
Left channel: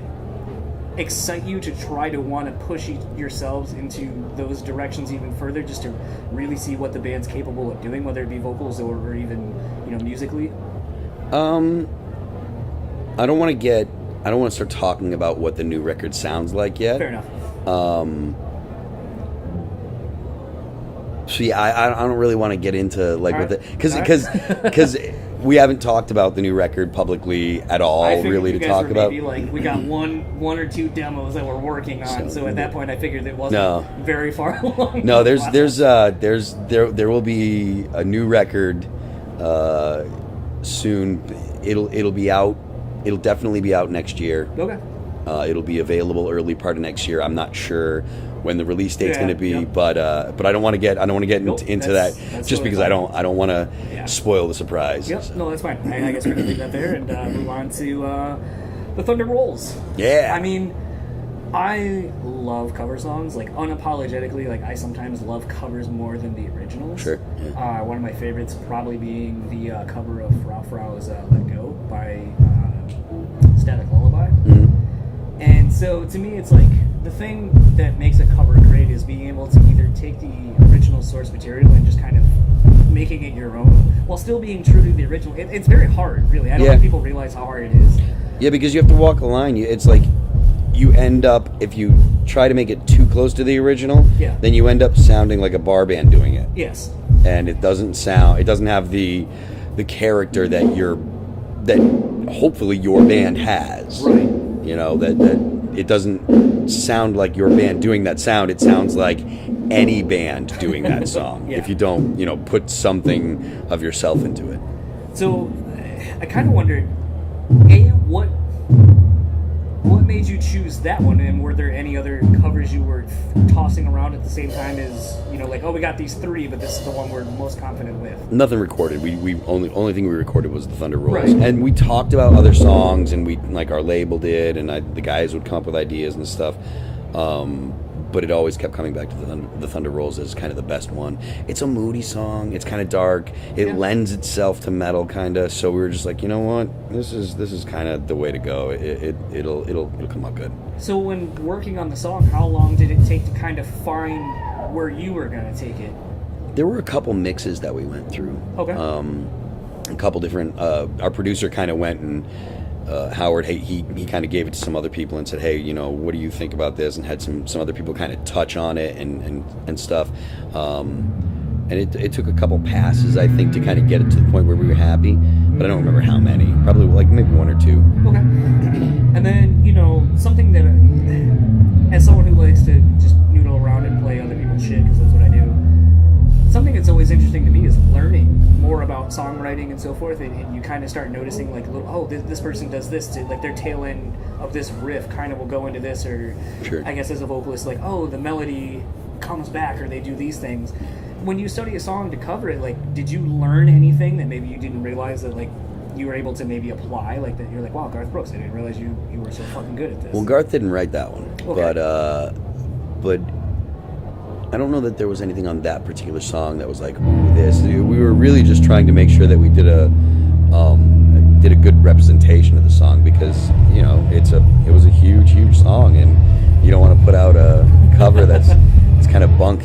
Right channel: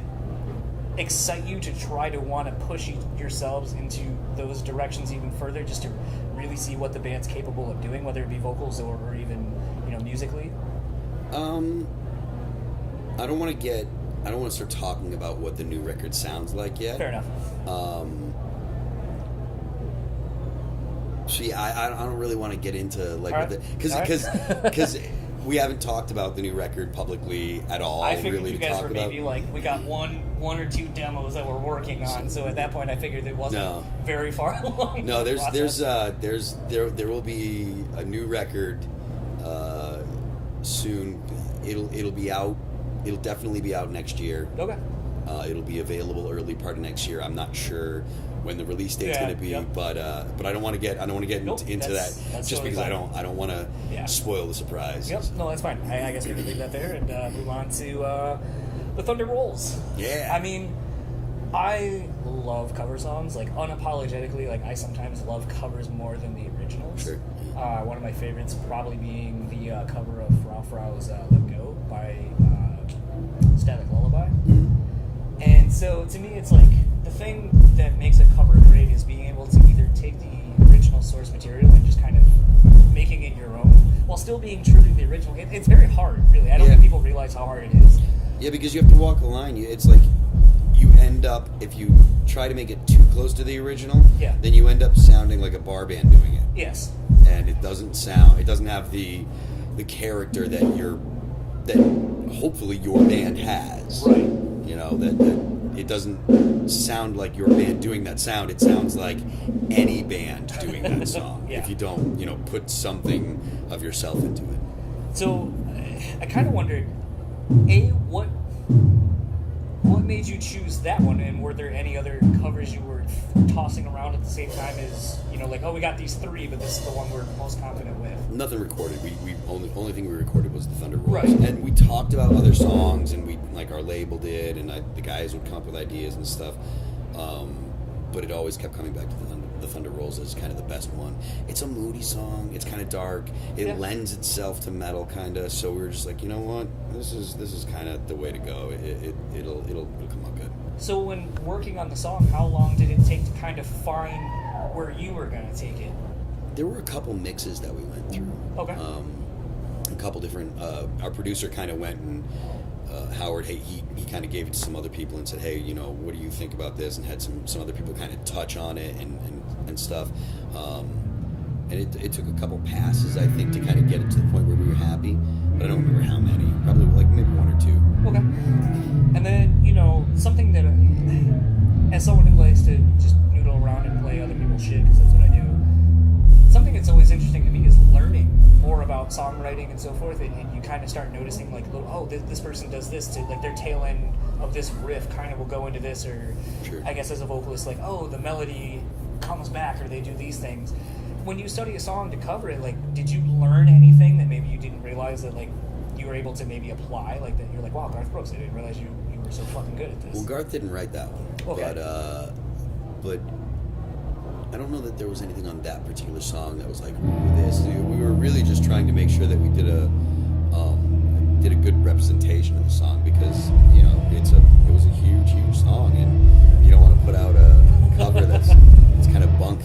excite you to try to want to push yourselves into those directions even further, just to really see what the band's capable of doing, whether it be vocals or even, you know, musically? I don't want to start talking about what the new record sounds like yet. Fair enough. See, I don't really want to get into like what because we haven't talked about the new record publicly at all. Really, to talk about. Maybe like we got one or two demos that we're working on. So at that point, I figured it wasn't very far along. No, there will be a new record soon. It'll be out. It'll definitely be out next year. Okay. It'll be available early part of next year. I'm not sure when the release date's going to be, but I don't want to get into that just because I don't want to spoil the surprise. Yep. So. No, that's fine. I guess we can leave that there and move on to the Thunder Rolls. Yeah. I mean, I love cover songs, like unapologetically. Like I sometimes love covers more than the originals. Sure. Yeah. One of my favorites probably being the cover of Frau Frau's "Let Go" by Static Lullaby. Mm-hmm. And so to me, it's like the thing that makes a cover great is being able to either take the original source material and just kind of making it your own while still being true to the original. It's very hard, really. I don't think people realize how hard it is. Yeah, because you have to walk a line. It's like you end up, if you try to make it too close to the original, then you end up sounding like a bar band doing it. Yes. And it doesn't have the character that hopefully your band has. Right. You know, that it doesn't sound like your band doing that sound. It sounds like any band doing that song. If you don't, put something of yourself into it. So I kind of wondered, what made you choose that one, and were there any other covers you were tossing around at the same time as, like, oh, we got these three, but this is the one we're most confident with? Nothing recorded. We only thing we recorded was the Thunder Rolls. Right. And we talked about other songs, and we, like, our label did, and the guys would come up with ideas and stuff. But it always kept coming back to the Thunder Rolls as kind of the best one. It's a moody song. It's kind of dark. It lends itself to metal, kind of. So we were just like, you know what? This is kind of the way to go. It'll come out good. So when working on the song, how long did it take to kind of find where you were going to take it? There were a couple mixes that we went through. Okay. A couple different. Our producer kind of went and. Howard, he kind of gave it to some other people and said, hey, what do you think about this? And had some other people kind of touch on it and stuff. And it took a couple passes, I think, to kind of get it to the point where we were happy. But I don't remember how many. Probably like maybe one or two. Okay. And then, something that, as someone who likes to just noodle around and play other people's shit, because that's what I do, something that's always interesting to me is learning more about songwriting and so forth, and you kind of start noticing, like, this person does this, to, like, their tail end of this riff kind of will go into this, or sure. I guess as a vocalist, like, the melody comes back, or they do these things. When you study a song to cover it, like, did you learn anything that maybe you didn't realize that, like, you were able to maybe apply, like, that you're like, wow, Garth Brooks, I didn't realize you were so fucking good at this? Well, Garth didn't write that one. Okay. But I don't know that there was anything on that particular song that was like, ooh, this. We were really just trying to make sure that we did a good representation of the song, because it was a huge song, and you don't want to put out a cover it's kind of bunk,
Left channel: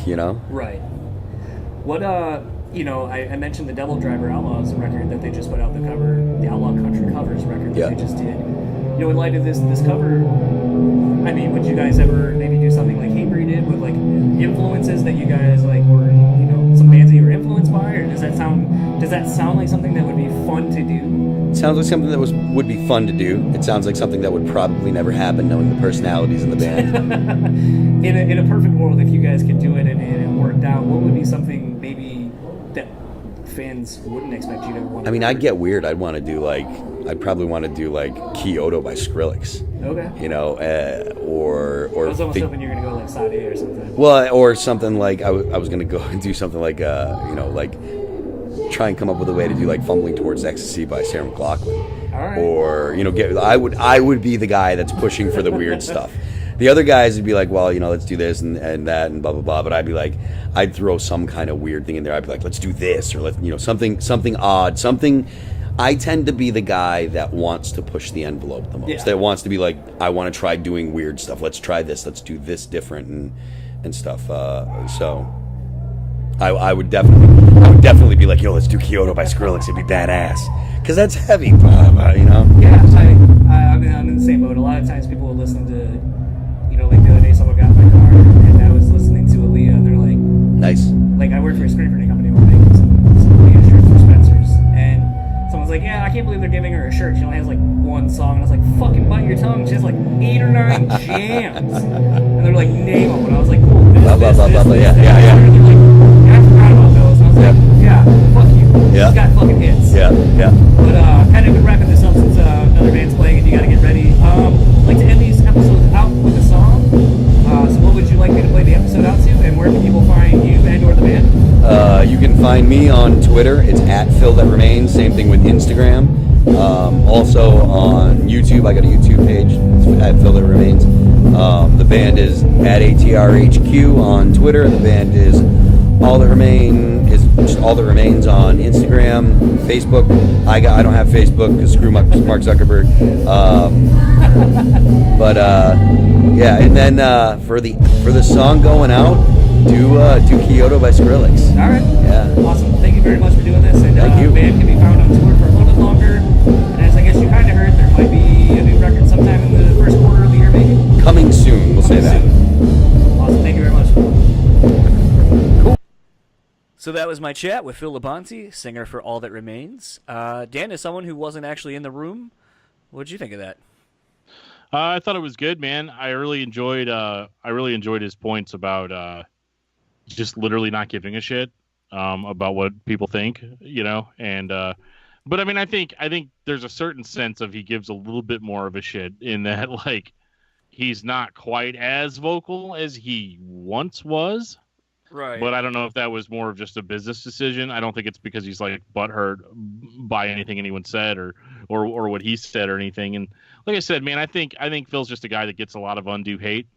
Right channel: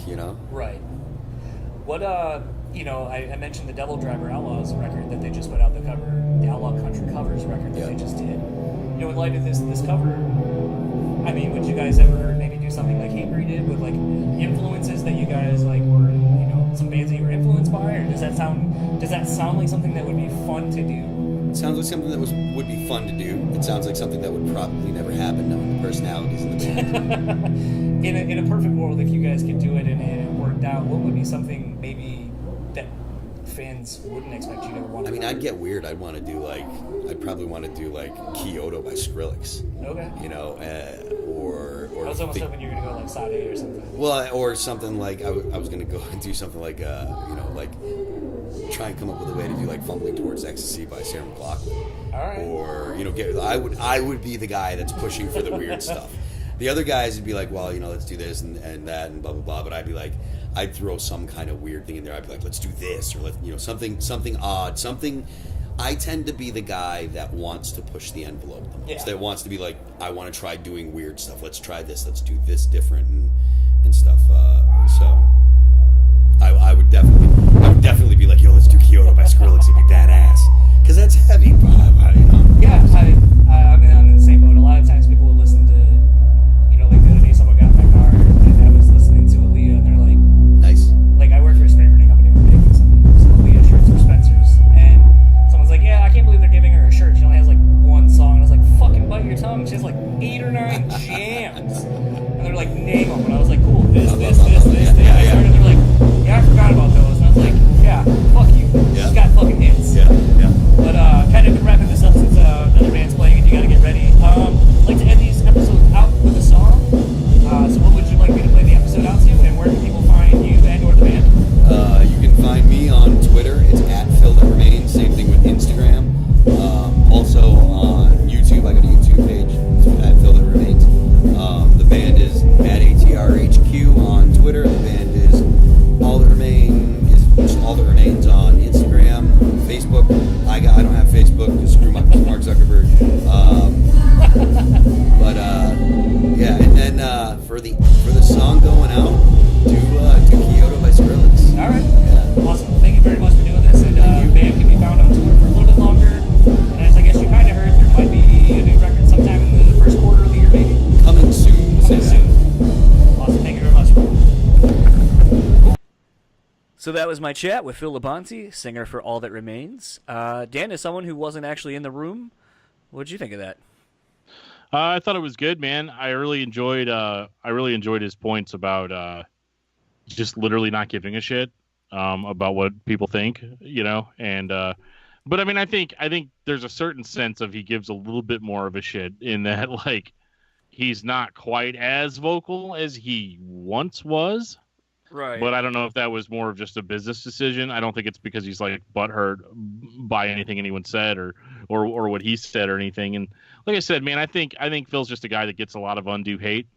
Right. What I mentioned the Devil Driver Outlaws record that they just put out, the Outlaw Country Covers record that they just did. In light of this cover, I mean, would you guys ever maybe do something like Hatebreed did with, like, influences that you guys, like, were, some bands that you were influenced by, or does that sound like something that would be fun to do? It sounds like something that would be fun to do. It sounds like something that would probably never happen, knowing the personalities in the band. In a perfect world, if you guys could do it and it worked out, what would be something maybe that fans wouldn't expect you to want to do? I'd get weird. I'd probably want to do, like, Kyoto by Skrillex. Okay. Or I was almost hoping you were going to go, like, Side A or something. Well, or something like, I was going to go and do something like, like, try and come up with a way to do, like, Fumbling Towards Ecstasy by Sarah McLachlan. All right. Or, I would be the guy that's pushing for the weird stuff. The other guys would be like, well, let's do this and that and blah, blah, blah. But I'd be like, I'd throw some kind of weird thing in there. I'd be like, let's do this, or something odd, something. I tend to be the guy that wants to push the envelope the most. Yeah. That wants to be like, I want to try doing weird stuff. Let's try this. Let's do this different and stuff. So I would definitely be like, yo, let's do Kyoto by Skrillex. It'd be badass, because that's heavy, Yeah, I'm in the same boat. A lot of times people will listen to, like the other day, someone got in my car and I was listening to Aaliyah, and they're like, nice. Like, I work for a screen printing company, we're making some Aaliyah shirts for Spencer's, and someone's like, yeah, I can't believe they're giving her a shirt. She only has, like, one song. And I was like, fucking bite your tongue. She has, like, 8 or 9 jams. And they're like, name them. And I was like, cool, this. And you're like, yeah, I forgot about those. And I was like, yeah, fuck you. Yeah. She's got fucking hits. Yeah. But kind of been wrapping this up since another band's playing and you got to get ready. I'd like to end these episodes out with a song. So what would you like me to play the episode out to? And where can people find you and or the band? You can find me on Twitter. It's @PhilThatRemains. Same thing with Instagram. Also on YouTube, I got a YouTube page. It's @PhilThatRemains. The band is at ATRHQ on Twitter. The band is All That Remains on Instagram, Facebook. I don't have Facebook because screw Mark Zuckerberg. Yeah, and then for the song going out, do Kyoto by Skrillex. All right. Yeah. Awesome. Well, thank you very much for doing this. And Thank you. The band can be found on tour for a little bit longer. And as I guess you kind of heard, there might be a new record sometime in the first quarter of the year, maybe. Coming soon. We'll say that. Awesome. Thank you very much. Cool. So that was my chat with Phil Labonte, singer for All That Remains. Dan, as someone who wasn't actually in the room, what did you think of that? I thought it was good, man. I really enjoyed his points about just literally not giving a shit about what people think, and but I mean, I think there's a certain sense of he gives a little bit more of a shit in that, like, he's not quite as vocal as he once was. Right. But I don't know if that was more of just a business decision. I don't think it's because he's like butthurt by anything anyone said or what he said or anything. And like I said, man, I think Phil's just a guy that gets a lot of undue hate.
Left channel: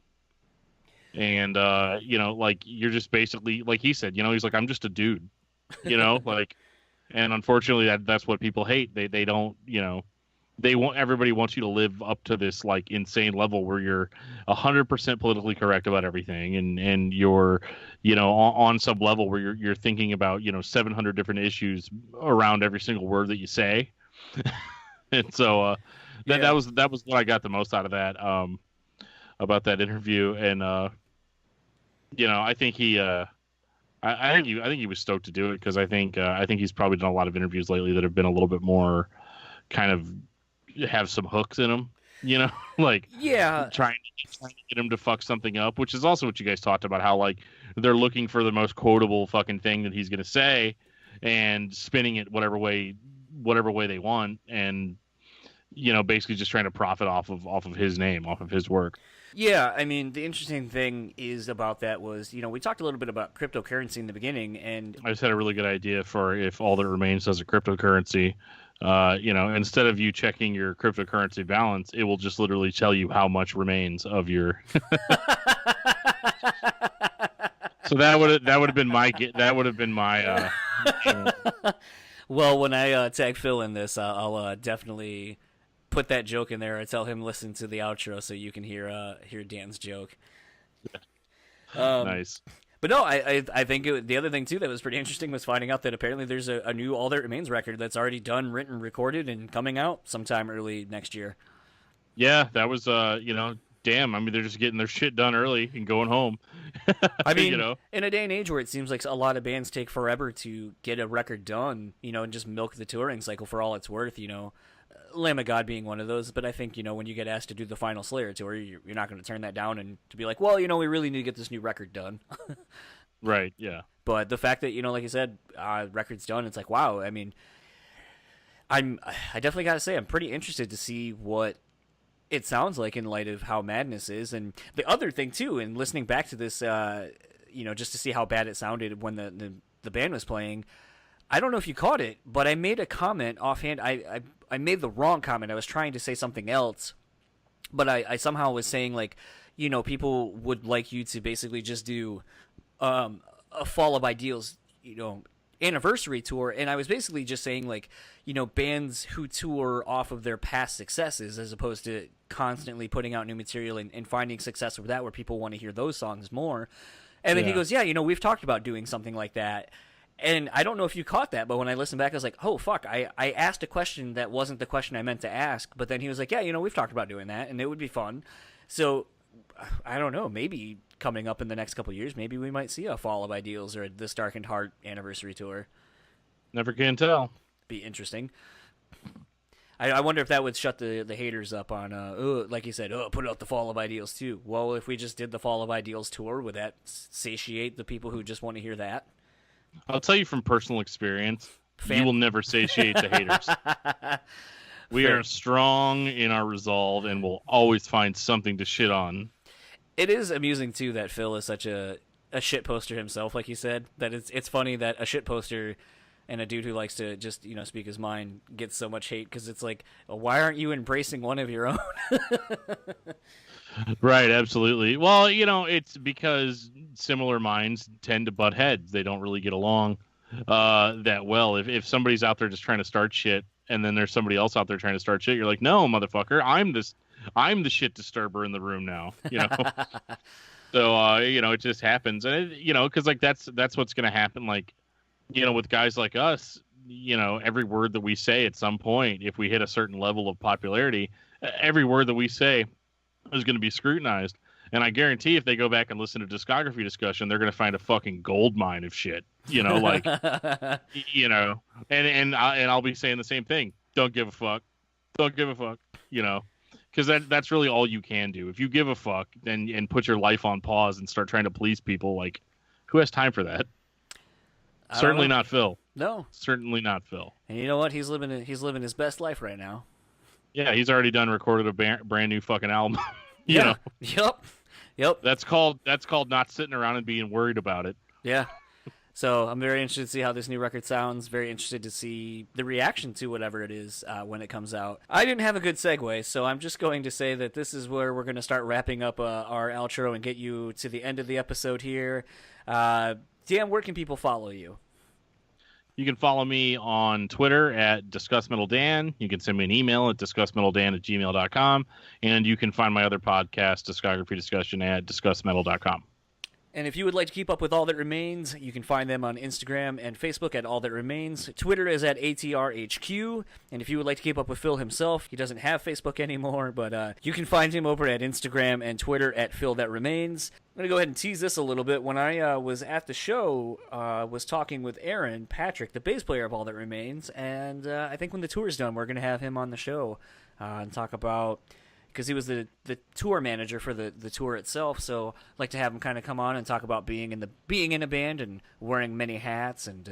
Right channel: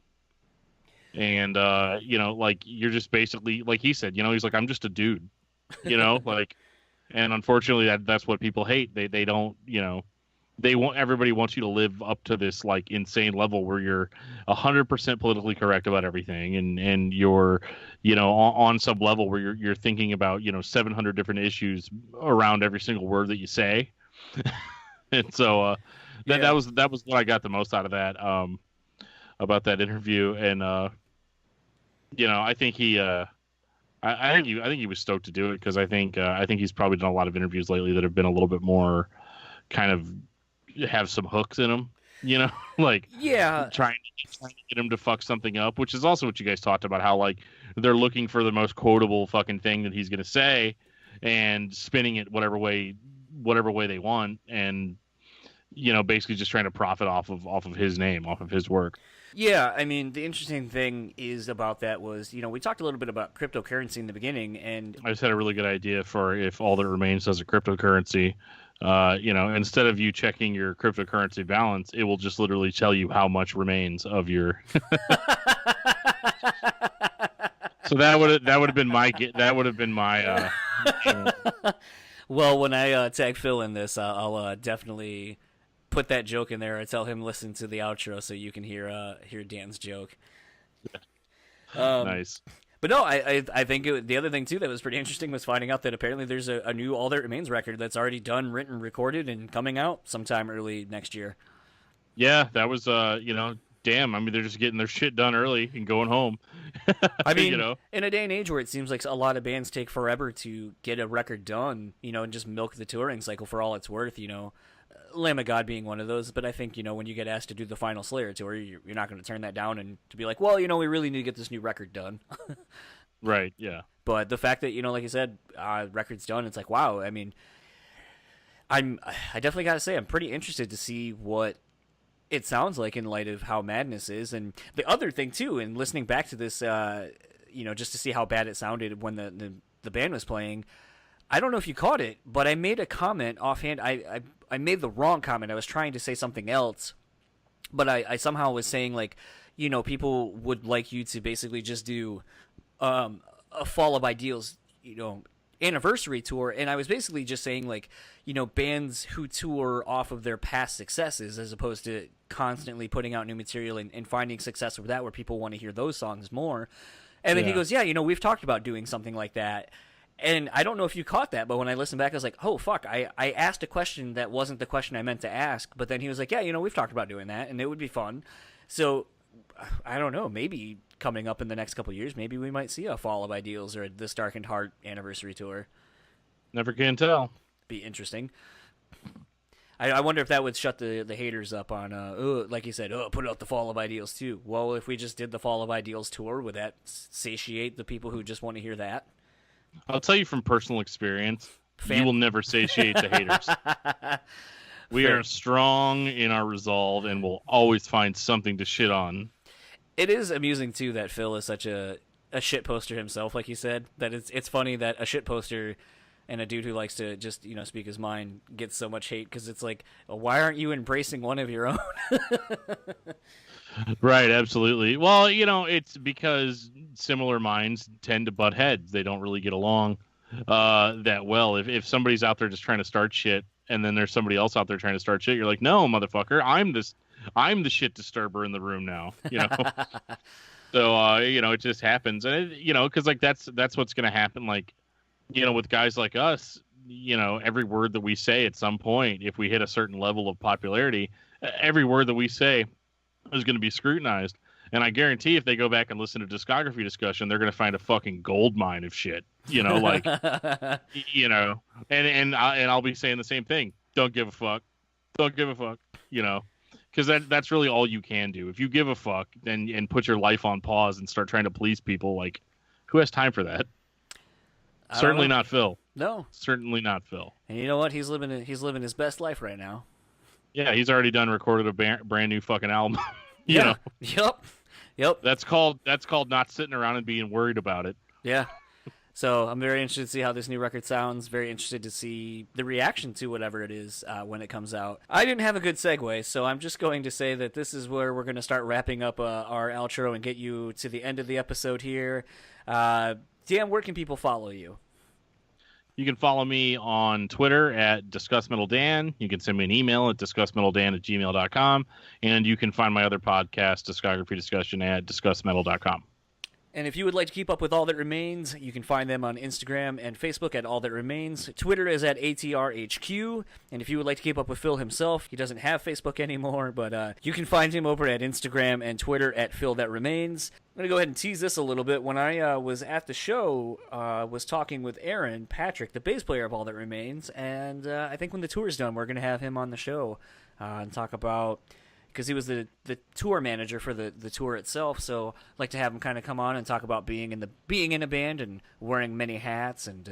And like, you're just basically, like he said, he's like, I'm just a dude, like, and unfortunately that's what people hate. They don't, everybody wants you to live up to this like insane level where you're 100% politically correct about everything, and you're, on some level where you're thinking about 700 different issues around every single word that you say. And so that was what I got the most out of that about that interview. And I think I think he was stoked to do it, because I think he's probably done a lot of interviews lately that have been a little bit more kind of have some hooks in them, like trying to get him to fuck something up, which is also what you guys talked about, how like they're looking for the most quotable fucking thing that he's going to say and spinning it whatever way they want, and basically just trying to profit off of his name, off of his work. Yeah, I mean, the interesting thing is about that was, we talked a little bit about cryptocurrency in the beginning, and I just had a really good idea for if All That Remains does a cryptocurrency. Instead of you checking your cryptocurrency balance, it will just literally tell you how much remains of your. So that would have been my. Well, when I tag Phil in this, I'll definitely put that joke in there. I tell him listen to the outro so you can hear Dan's joke. Nice. But no, I think the other thing, too, that was pretty interesting was finding out that apparently there's a new All That Remains record that's already done, written, recorded, and coming out sometime early next year. Yeah, that was, damn. I mean, they're just getting their shit done early and going home. I mean, in a day and age where it seems like a lot of bands take forever to get a record done, and just milk the touring cycle for all it's worth, Lamb of God being one of those. But I think, when you get asked to do the final Slayer tour, you're not going to turn that down and to be like, well, we really need to get this new record done. Right, yeah. But the fact that, like you said, record's done, it's like, wow. I mean, I definitely got to say, I'm pretty interested to see what it sounds like in light of how Madness is. And the other thing, too, in listening back to this, just to see how bad it sounded when the band was playing, I don't know if you caught it, but I made a comment offhand. I made the wrong comment. I was trying to say something else, but I somehow was saying, like, people would like you to basically just do a Fall of Ideals, anniversary tour. And I was basically just saying, like, bands who tour off of their past successes as opposed to constantly putting out new material and finding success with that where people want to hear those songs more. And then he goes, yeah, we've talked about doing something like that. And I don't know if you caught that, but when I listened back, I was like, oh, fuck, I asked a question that wasn't the question I meant to ask. But then he was like, yeah, we've talked about doing that, and it would be fun. So, I don't know, maybe coming up in the next couple of years, maybe we might see a Fall of Ideals or This Darkened Heart anniversary tour. Never can tell. Be interesting. I wonder if that would shut the haters up on, like you said, put out the Fall of Ideals too. Well, if we just did the Fall of Ideals tour, would that satiate the people who just want to hear that? I'll tell you from personal experience, you will never satiate the haters. We are strong in our resolve and will always find something to shit on. It is amusing, too, that Phil is such a shit poster himself, like you said. That it's funny that a shit poster and a dude who likes to just, speak his mind gets so much hate, because it's like, well, why aren't you embracing one of your own? Right, absolutely. Well, it's because similar minds tend to butt heads. They don't really get along that well. If somebody's out there just trying to start shit, and then there's somebody else out there trying to start shit, you're like, no, motherfucker, I'm the shit disturber in the room now. So it just happens, and because like that's what's gonna happen. Like, with guys like us, every word that we say at some point, if we hit a certain level of popularity, every word that we say is going to be scrutinized. And I guarantee if they go back and listen to discography discussion, they're going to find a fucking gold mine of shit, like, and I'll be saying the same thing. Don't give a fuck. Don't give a fuck, because that's really all you can do. If you give a fuck and put your life on pause and start trying to please people, like, who has time for that? Certainly not Phil. No. Certainly not Phil. And you know what? He's living his best life right now. Yeah, he's already recorded a brand new fucking album. Yeah. Yep. That's called not sitting around and being worried about it. Yeah. So I'm very interested to see how this new record sounds. Very interested to see the reaction to whatever it is when it comes out. I didn't have a good segue, so I'm just going to say that this is where we're going to start wrapping up our outro and get you to the end of the episode here. Dan, where can people follow you? You can follow me on Twitter at DiscussMetalDan. You can send me an email at discussmetaldan@gmail.com. And you can find my other podcast, Discography Discussion, at discussmetal.com. And if you would like to keep up with All That Remains, you can find them on Instagram and Facebook at All That Remains. Twitter is at ATRHQ. And if you would like to keep up with Phil himself, he doesn't have Facebook anymore, but you can find him over at Instagram and Twitter at Phil That Remains. I'm going to go ahead and tease this a little bit. When I was at the show, was talking with Aaron Patrick, the bass player of All That Remains, and I think when the tour's done, we're going to have him on the show and talk about... because he was the tour manager for the tour itself, so I'd like to have him kind of come on and talk about being in a band and wearing many hats and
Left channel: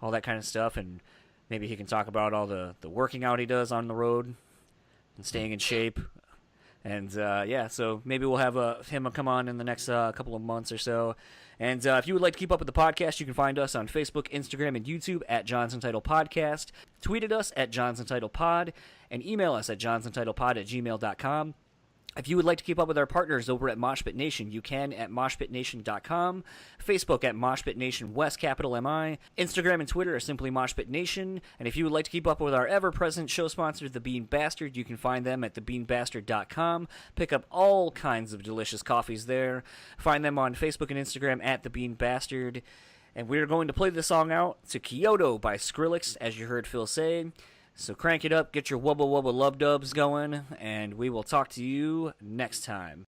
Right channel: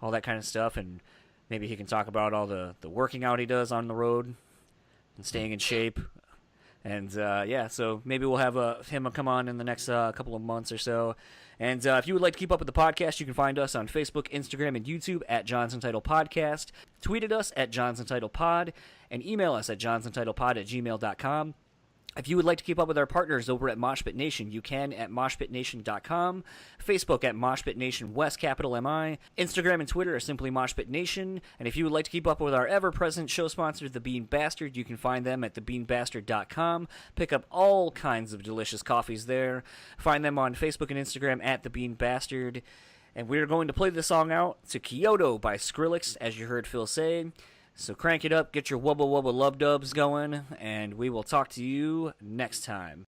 all that kind of stuff, and maybe he can talk about all the working out he does on the road and staying in shape. And so maybe we'll have him come on in the next couple of months or so. And if you would like to keep up with the podcast, you can find us on Facebook, Instagram, and YouTube at JonsuntitledPodcast. Tweet at us at JonsuntitledPod, and email us at JonsuntitledPod@gmail.com. If you would like to keep up with our partners over at Moshpit Nation, you can at moshpitnation.com, Facebook at Moshpit Nation West, capital M-I, Instagram and Twitter are simply Moshpit Nation, and if you would like to keep up with our ever-present show sponsor, The Bean Bastard, you can find them at thebeanbastard.com. Pick up all kinds of delicious coffees there. Find them on Facebook and Instagram at The Bean Bastard. And we're going to play the song out to Kyoto by Skrillex, as you heard Phil say. So crank it up, get your wubba wubba love dubs going, and we will talk to you next time.